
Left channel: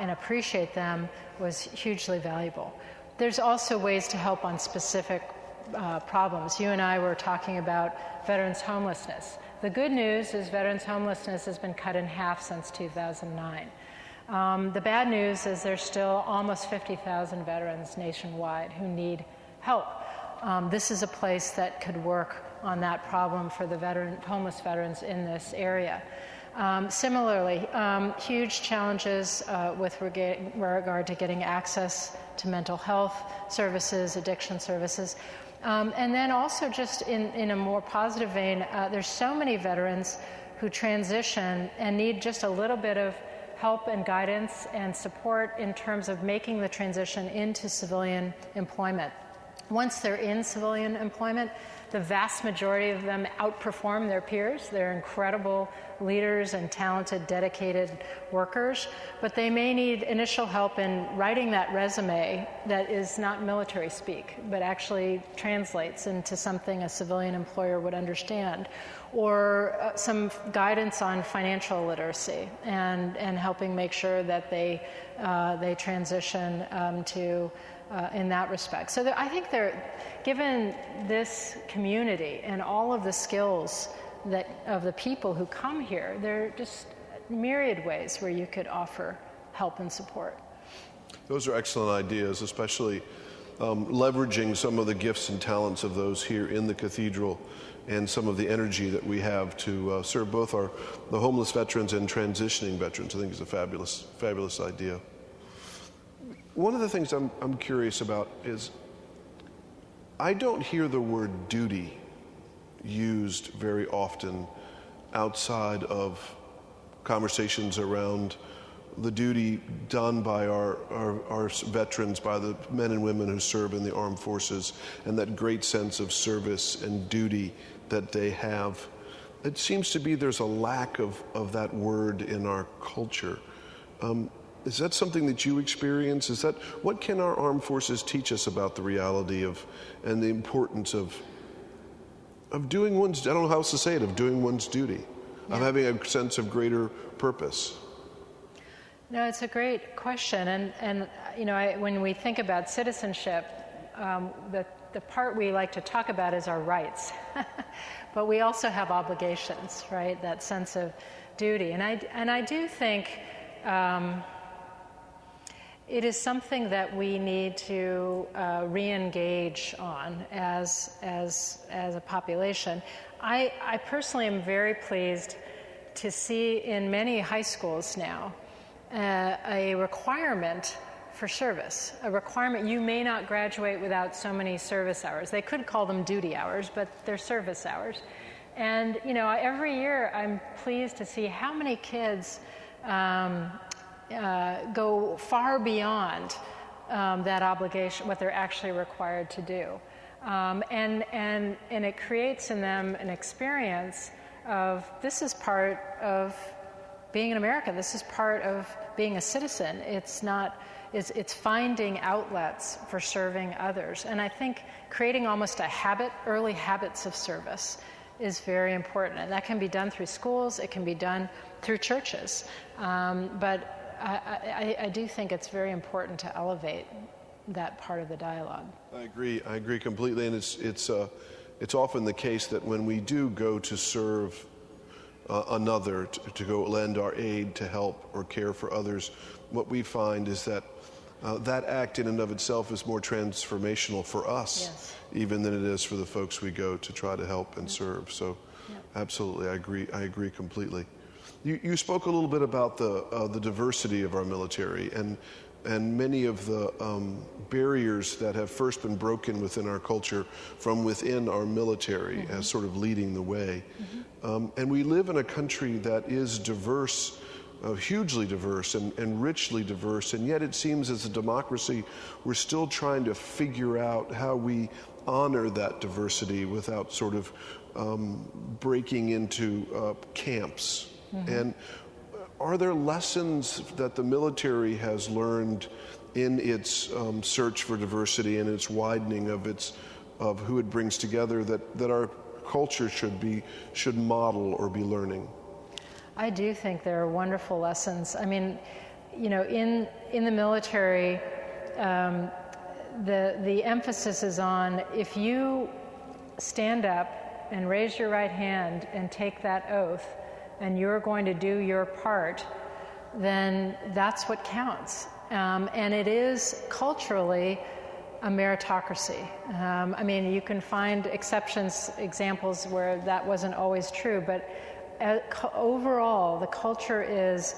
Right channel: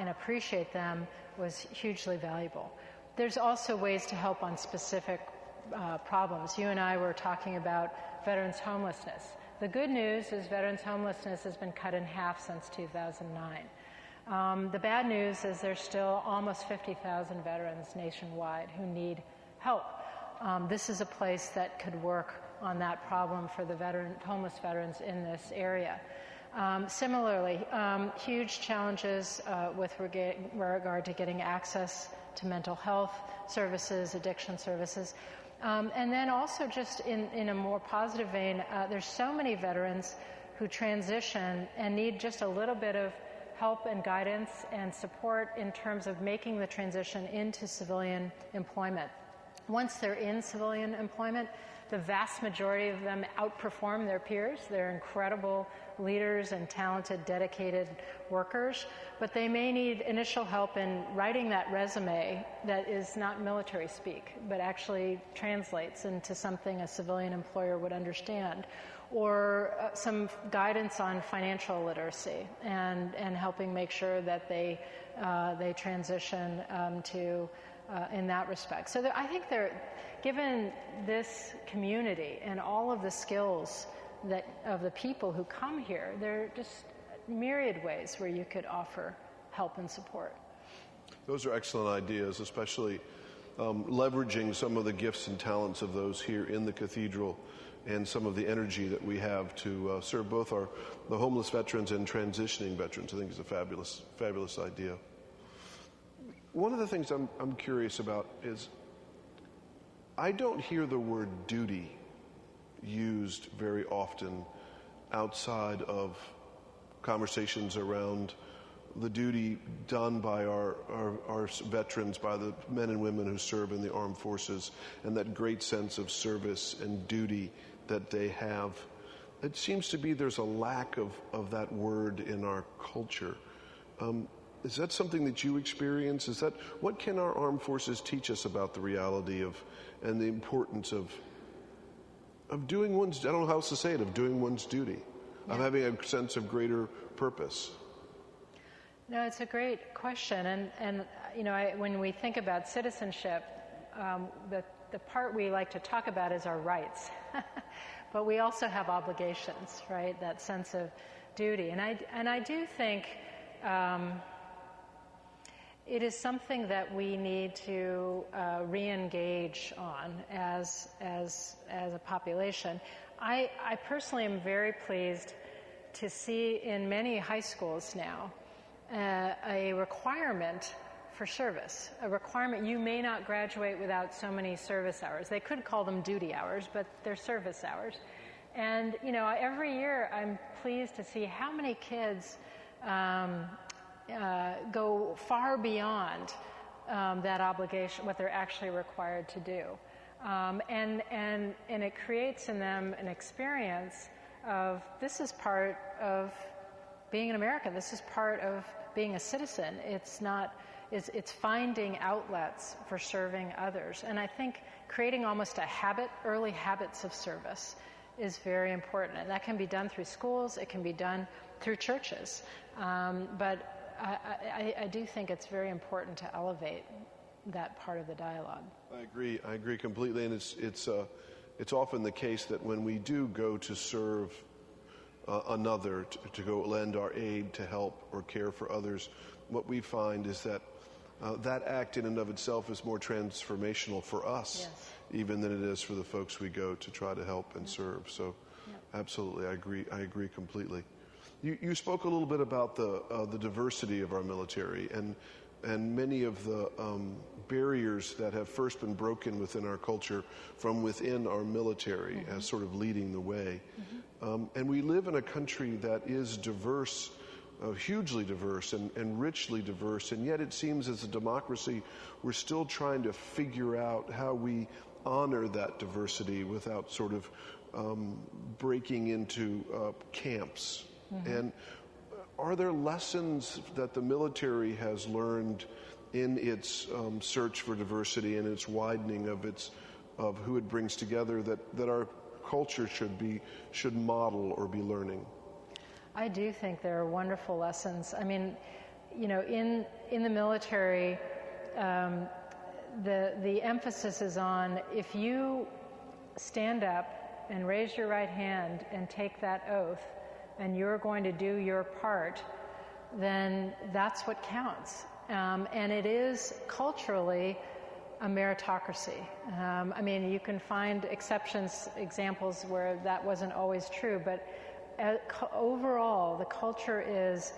and appreciate them was hugely valuable. There's also ways to help on specific problems. You and I were talking about veterans homelessness. The good news is veterans homelessness has been cut in half since 2009. The bad news is there's still almost 50,000 veterans nationwide who need help. This is a place that could work on that problem for the homeless veterans in this area. Similarly, huge challenges with regard to getting access to mental health services, addiction services. And then also just in a more positive vein, there's so many veterans who transition and need just a little bit of help and guidance and support in terms of making the transition into civilian employment. Once they're in civilian employment, the vast majority of them outperform their peers. They're incredible leaders and talented, dedicated workers, but they may need initial help in writing that resume that is not military speak, but actually translates into something a civilian employer would understand, or some guidance on financial literacy and helping make sure that they transition in that respect. So I think given this community and all of the skills of the people who come here, there are just myriad ways where you could offer help and support. Those are excellent ideas, especially leveraging some of the gifts and talents of those here in the Cathedral and some of the energy that we have to serve both the homeless veterans and transitioning veterans. I think is a fabulous idea. One of the things I'm curious about is I don't hear the word duty used very often outside of conversations around the duty done by our veterans, by the men and women who serve in the armed forces, and that great sense of service and duty that they have. It seems to be there's a lack of that word in our culture. Is that something that you experience? What can our armed forces teach us about the reality and the importance of doing one's, I don't know how else to say it, of doing one's duty, of having a sense of greater purpose? No, it's a great question. And when we think about citizenship, the part we like to talk about is our rights. But we also have obligations, right? That sense of duty. And I do think it is something that we need to re-engage on as a population. I personally am very pleased to see in many high schools now a requirement for service, a requirement. You may not graduate without so many service hours. They could call them duty hours, but they're service hours. And every year I'm pleased to see how many kids go far beyond that obligation, what they're actually required to do. And it creates in them an experience of this is part of being an American. This is part of being a citizen. It's finding outlets for serving others. And I think creating almost early habits of service is very important. And that can be done through schools, it can be done through churches. But I do think it's very important to elevate that part of the dialogue. I agree completely. And it's often the case that when we do go to serve another, to go lend our aid to help or care for others, what we find is that that act in and of itself is more transformational for us, yes, even than it is for the folks we go to try to help and serve. So absolutely, I agree completely. You spoke a little bit about the diversity of our military and many of the barriers that have first been broken within our culture from within our military as sort of leading the way. And we live in a country that is diverse, hugely diverse and richly diverse, and yet it seems as a democracy we're still trying to figure out how we honor that diversity without sort of breaking into camps. And are there lessons that the military has learned in its search for diversity and its widening of who it brings together that our culture should model or be learning? I do think there are wonderful lessons. I mean, you know, in the military, the emphasis is on if you stand up and raise your right hand and take that oath, and you're going to do your part, then that's what counts. And it is culturally a meritocracy. I mean, you can find examples where that wasn't always true, but overall, the culture is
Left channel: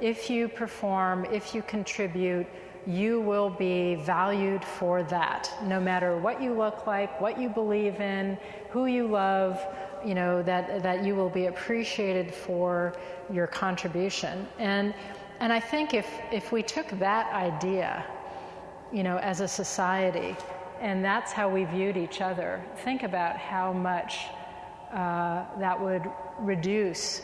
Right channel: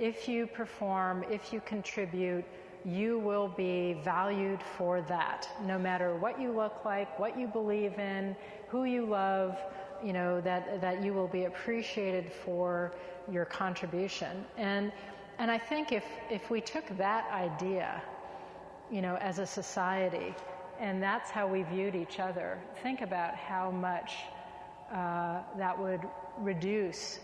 if you perform, if you contribute, you will be valued for that, no matter what you look like, what you believe in, who you love, you know, that you will be appreciated for your contribution. And I think if we took that idea, you know, as a society, and that's how we viewed each other, think about how much that would reduce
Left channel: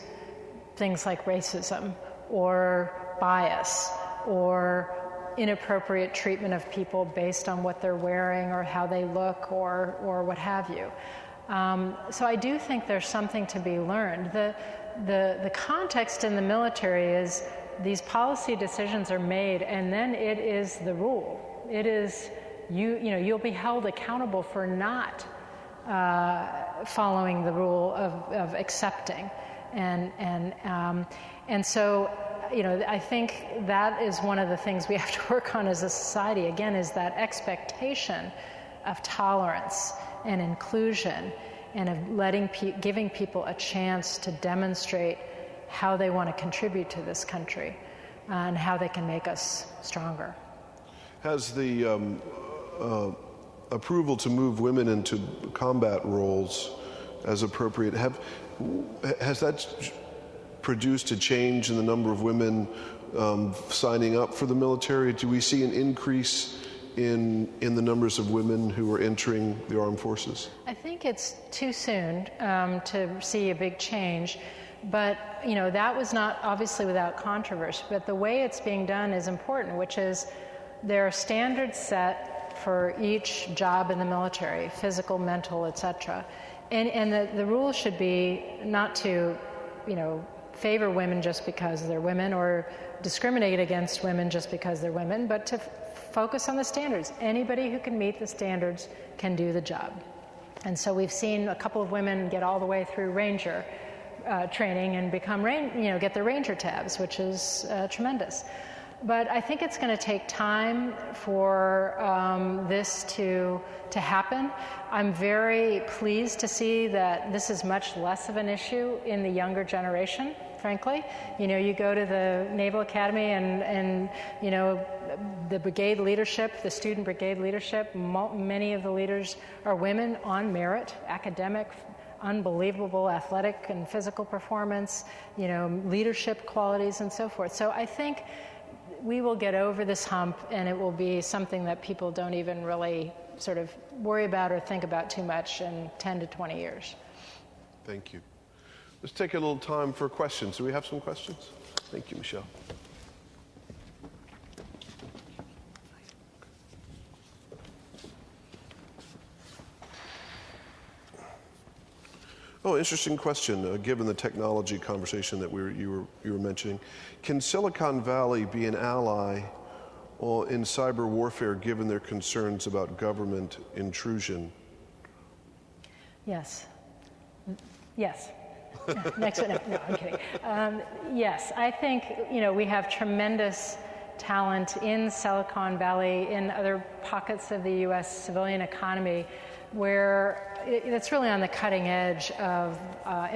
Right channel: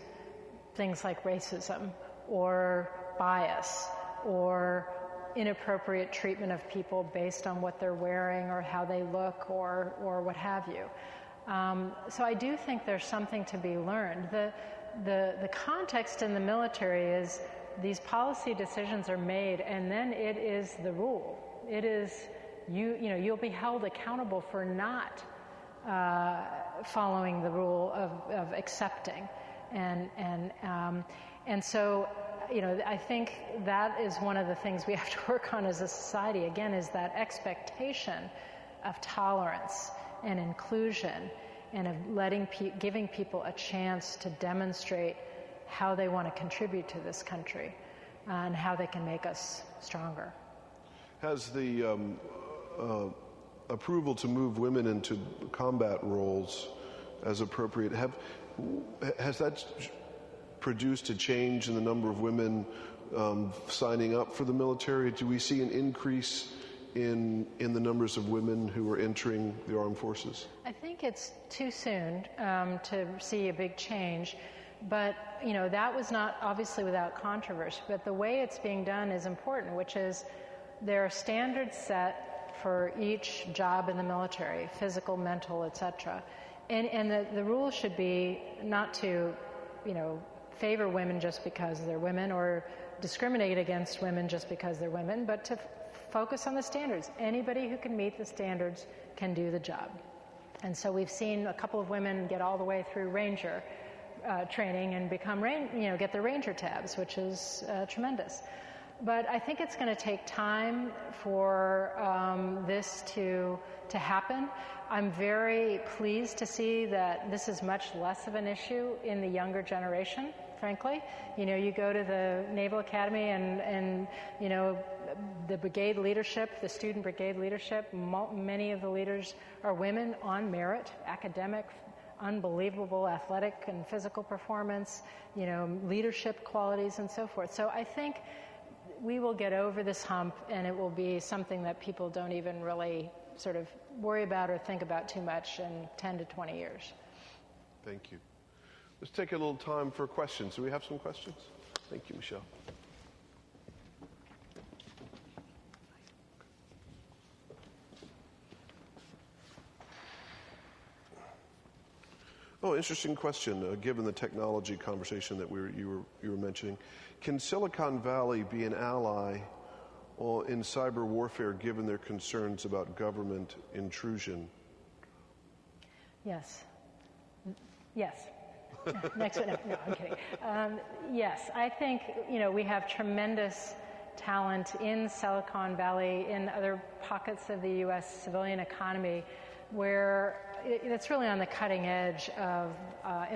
things like racism or bias or inappropriate treatment of people based on what they're wearing or how they look or what have you. So I do think there's something to be learned. The context in the military is these policy decisions are made, and then it is the rule. It is you'll be held accountable for not following the rule of accepting, and so you know, I think that is one of the things we have to work on as a society. Again, is that expectation of tolerance and inclusion, and of giving people a chance to demonstrate how they want to contribute to this country and how they can make us stronger. Has the approval to move women into combat roles as appropriate, has that produced a change in the number of women signing up for the military? Do we see an increase in the numbers of women who are entering the armed forces? I think it's too soon to see a big change, but you know, that was not obviously without controversy, but the way it's being done is important, which is there are standards set for each job in the military, physical, mental, etc. And the rule should be not to, you know, favor women just because they're women or discriminate against women just because they're women, but to focus on the standards. Anybody who can meet the standards can do the job. And so we've seen a couple of women get all the way through Ranger training and become, get the Ranger tabs, which is tremendous. But I think it's going to take time for this to happen. I'm very pleased to see that this is much less of an issue in the younger generation, frankly. You know, you go to the Naval Academy and you know, the brigade leadership, the student brigade leadership, many of the leaders are women on merit, academic, unbelievable athletic and physical performance, you know, leadership qualities and so forth. So I think we will get over this hump, and it will be something that people don't even really sort of worry about or think about too much in 10 to 20 years. Thank you. Let's take a little time for questions. Do we have some questions? Thank you, Michèle. Oh, interesting question, given the technology conversation that you were mentioning. Can Silicon Valley be an ally in cyber warfare given their concerns about government intrusion? Yes. Yes. Next one. No, I'm kidding. Yes, I think, you know, we have tremendous talent in Silicon Valley, in other pockets of the U.S. civilian economy it's really on the cutting edge of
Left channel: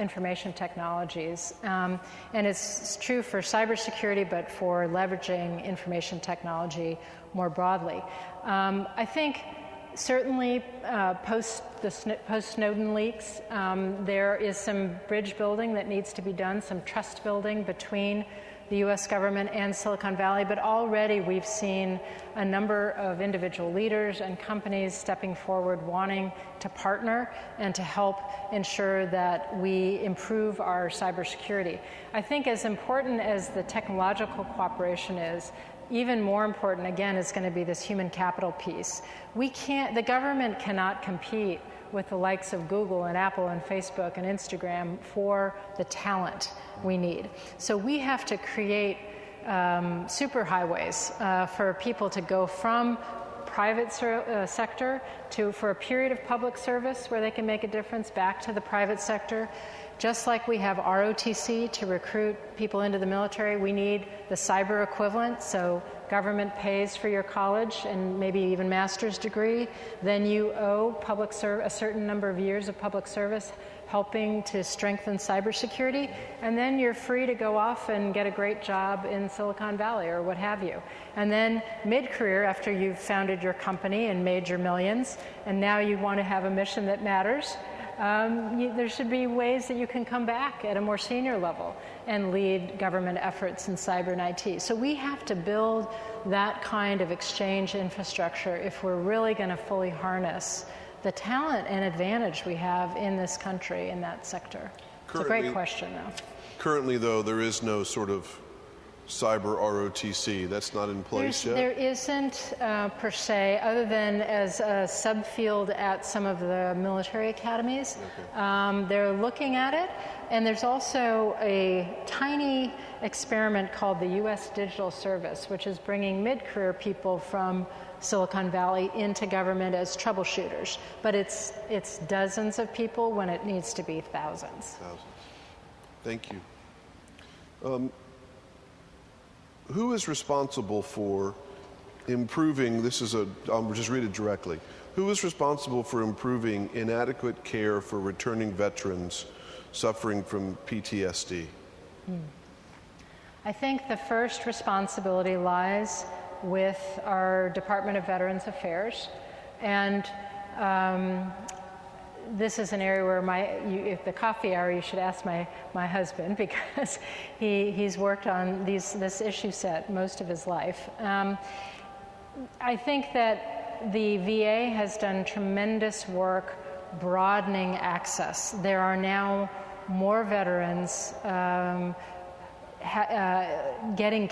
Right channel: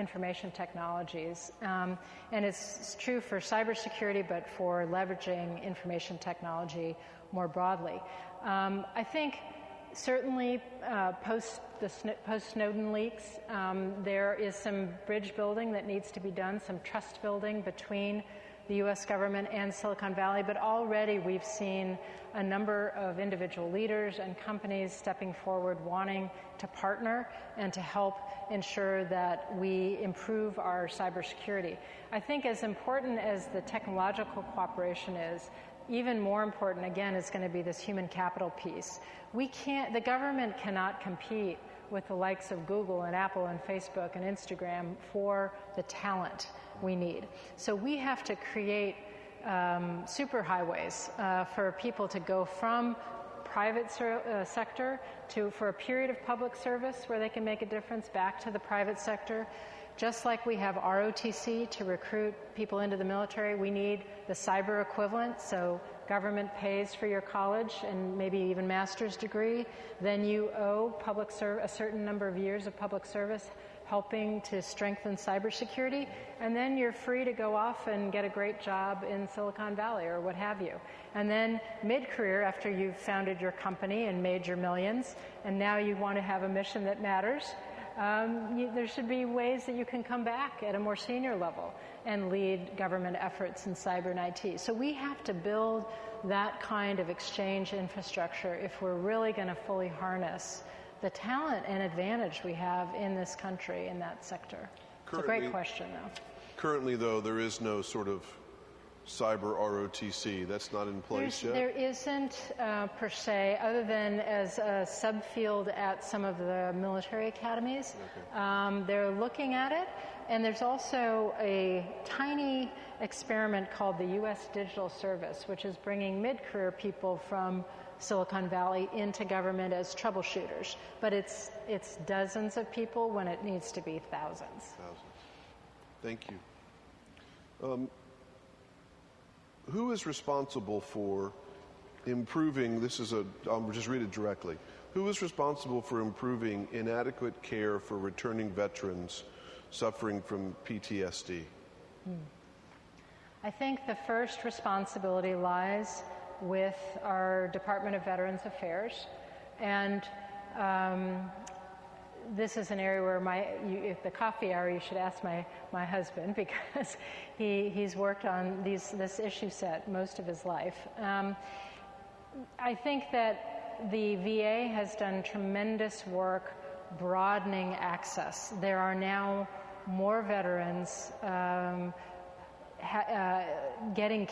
information technologies. And it's true for cybersecurity, but for leveraging information technology more broadly. I think certainly post-Snowden leaks, there is some bridge building that needs to be done, some trust building between the U.S. government and Silicon Valley, but already we've seen a number of individual leaders and companies stepping forward wanting to partner and to help ensure that we improve our cybersecurity. I think as important as the technological cooperation is, even more important, again, is going to be this human capital piece. The government cannot compete with the likes of Google and Apple and Facebook and Instagram for the talent we need. So we have to create superhighways for people to go from private sector for a period of public service where they can make a difference back to the private sector. Just like we have ROTC to recruit people into the military, we need the cyber equivalent. So government pays for your college and maybe even master's degree. Then you owe a certain number of years of public service helping to strengthen cybersecurity. And then you're free to go off and get a great job in Silicon Valley or what have you. And then mid-career, after you've founded your company and made your millions, and now you want to have a mission that matters, there should be ways that you can come back at a more senior level and lead government efforts in cyber and IT. So we have to build that kind of exchange infrastructure if we're really going to fully harness the talent and advantage we have in this country in that sector. It's a great question, though. Currently, though, there is no sort of cyber ROTC. That's not in place yet? There isn't per se, other than as a subfield at some of the military academies. They're looking at it, and there's also a tiny experiment called the U.S. Digital Service, which is bringing mid-career people from Silicon Valley into government as troubleshooters. But it's dozens of people when it needs to be thousands. Thank you. Who is responsible for improving, I'll just read it directly. Who is responsible for improving inadequate care for returning veterans suffering from PTSD? I think the first responsibility lies with our Department of Veterans Affairs. And this is an area where if the coffee hour, you should ask my husband, because he's worked on this issue set most of his life. I think that the VA has done tremendous work broadening access. There are now more veterans getting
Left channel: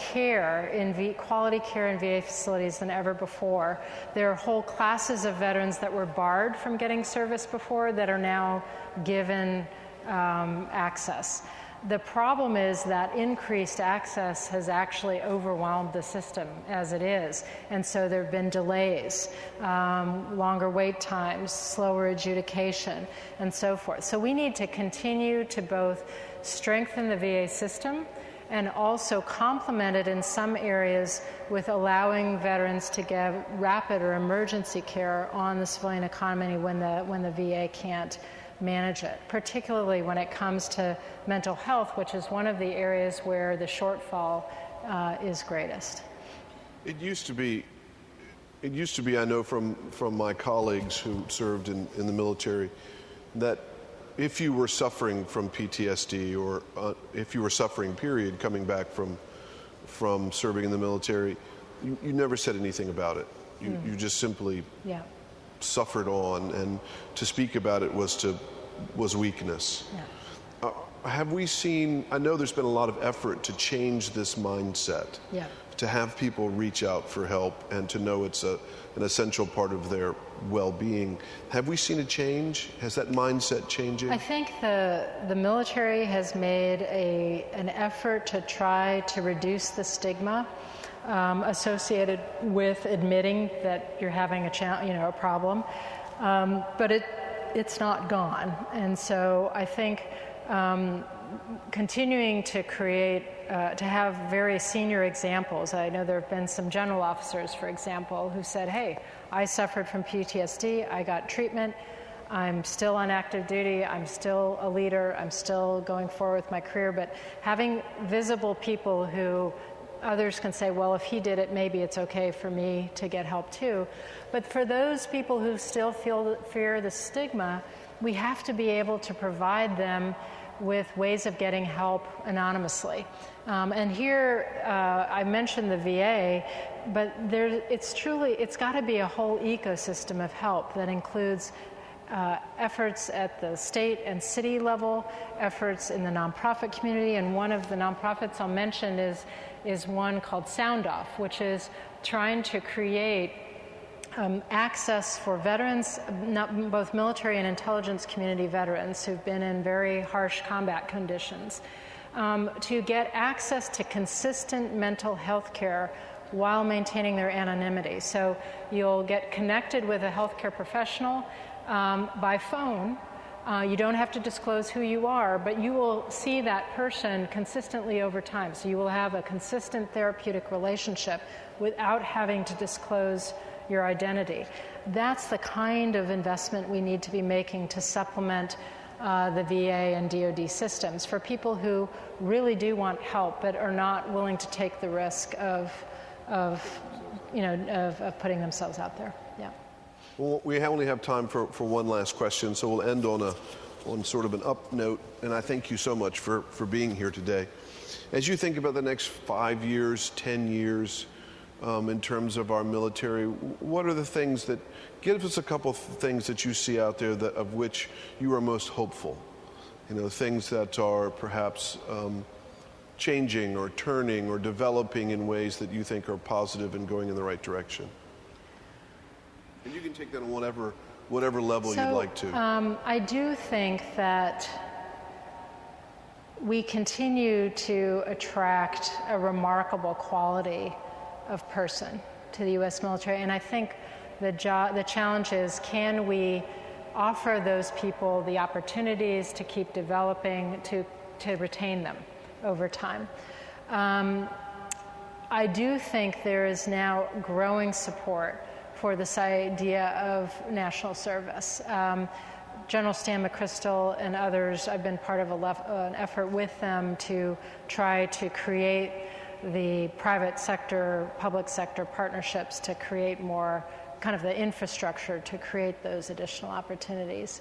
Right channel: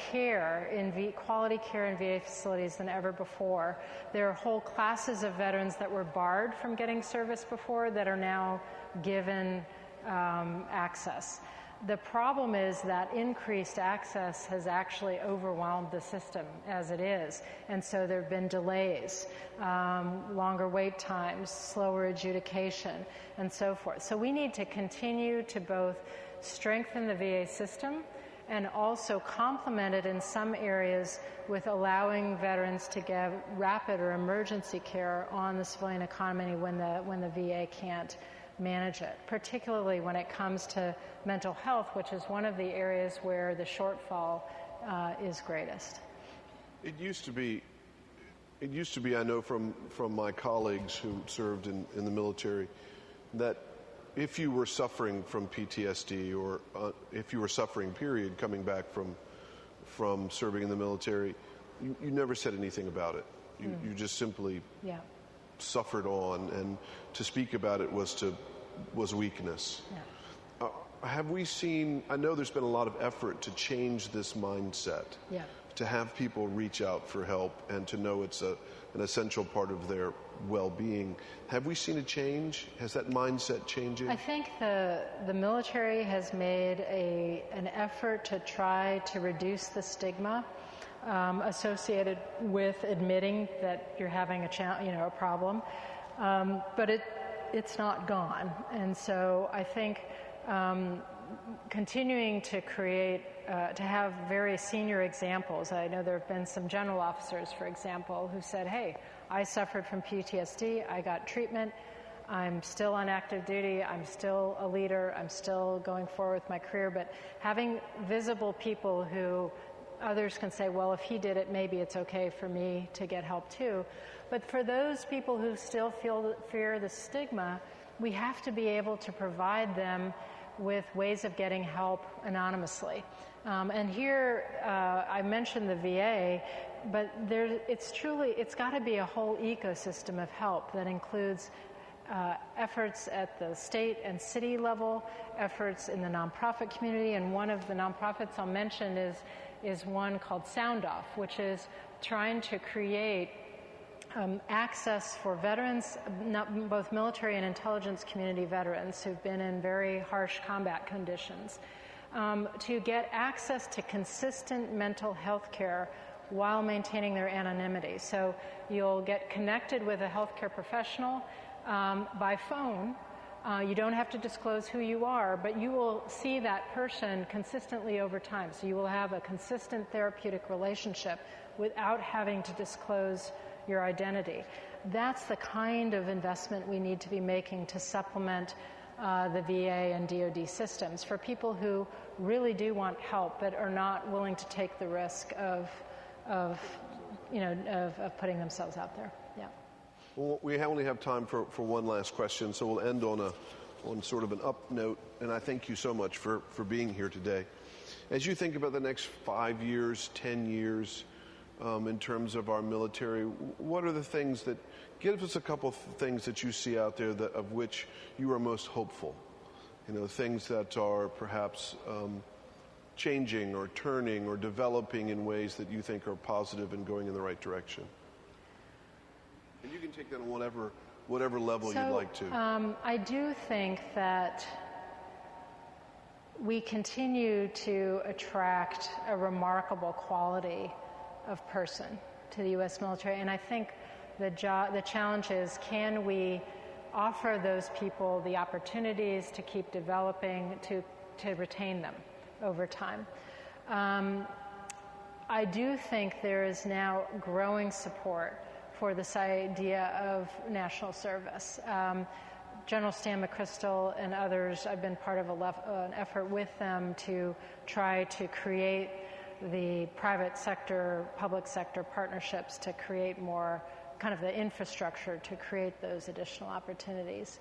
quality care in VA facilities than ever before. There are whole classes of veterans that were barred from getting service before that are now given access. The problem is that increased access has actually overwhelmed the system as it is, and so there have been delays, longer wait times, slower adjudication, and so forth. So we need to continue to both strengthen the VA system and also complement it in some areas with allowing veterans to give rapid or emergency care on the civilian economy when the VA can't manage it, particularly when it comes to mental health, which is one of the areas where the shortfall is greatest. It used to be, I know from my colleagues who served in the military, that if you were suffering from PTSD or if you were suffering, period, coming back from serving in the military, you never said anything about it. You just simply suffered on, and to speak about it was weakness. Yeah. Have we seen, I know there's been a lot of effort to change this mindset, to have people reach out for help and to know it's an essential part of their well-being. Have we seen a change? Has that mindset changing? I think the military has made an effort to try to reduce the stigma associated with admitting that you're having a problem, but it's not gone. And so I think continuing to create to have very senior examples. I know there have been some general officers, for example, who said, hey, I suffered from PTSD, I got treatment, I'm still on active duty, I'm still a leader, I'm still going forward with my career, but having visible people who others can say, well, if he did it, maybe it's okay for me to get help too. But for those people who still fear the stigma, we have to be able to provide them with ways of getting help anonymously. And here, I mentioned the VA, but it's got to be a whole ecosystem of help that includes efforts at the state and city level, efforts in the nonprofit community, and one of the nonprofits I'll mention is one called Sound Off, which is trying to create access for veterans, both military and intelligence community veterans who've been in very harsh combat conditions, to get access to consistent mental health care while maintaining their anonymity. So you'll get connected with a healthcare professional by phone. You don't have to disclose who you are, but you will see that person consistently over time. So you will have a consistent therapeutic relationship without having to disclose your identity. That's the kind of investment we need to be making to supplement the VA and DoD systems for people who really do want help but are not willing to take the risk of putting themselves out there. Yeah. Well, we only have time for one last question, so we'll end on sort of an up note, and I thank you so much for being here today. As you think about the next 5 years, 10 years, in terms of our military, what are the things that, give us a couple of things that you see out there of which you are most hopeful? Things that are perhaps changing or turning or developing in ways that you think are positive and going in the right direction. And you can take that on whatever level you'd like to. I do think that we continue to attract a remarkable quality of person to the U.S. military, and I think the challenge is, can we offer those people the opportunities to keep developing, to retain them over time? I do think there is now growing support for this idea of national service. General Stan McChrystal and others, I've been part of an effort with them to try to create the private sector, public sector partnerships to create more kind of the infrastructure to create those additional opportunities.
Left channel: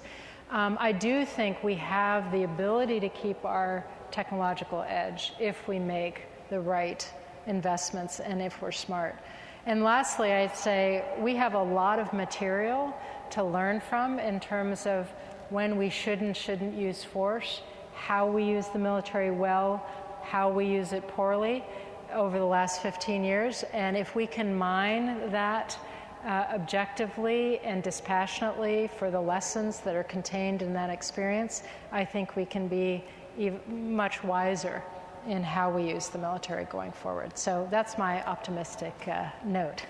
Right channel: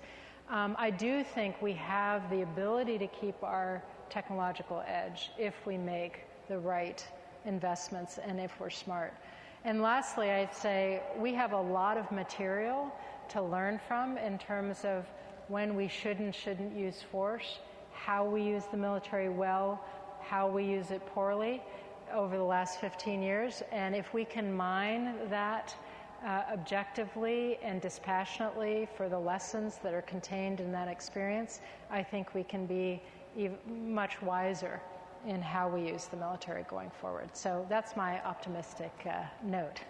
I do think we have the ability to keep our technological edge if we make the right investments and if we're smart. And lastly, I'd say we have a lot of material to learn from in terms of when we should and shouldn't use force, how we use the military well, how we use it poorly over the last 15 years. And if we can mine that objectively and dispassionately for the lessons that are contained in that experience, I think we can be much wiser in how we use the military going forward. So that's my optimistic note.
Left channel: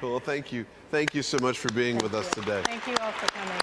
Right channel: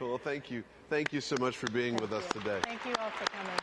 Well, thank you. Thank you so much for being with us today. Thank you all for coming.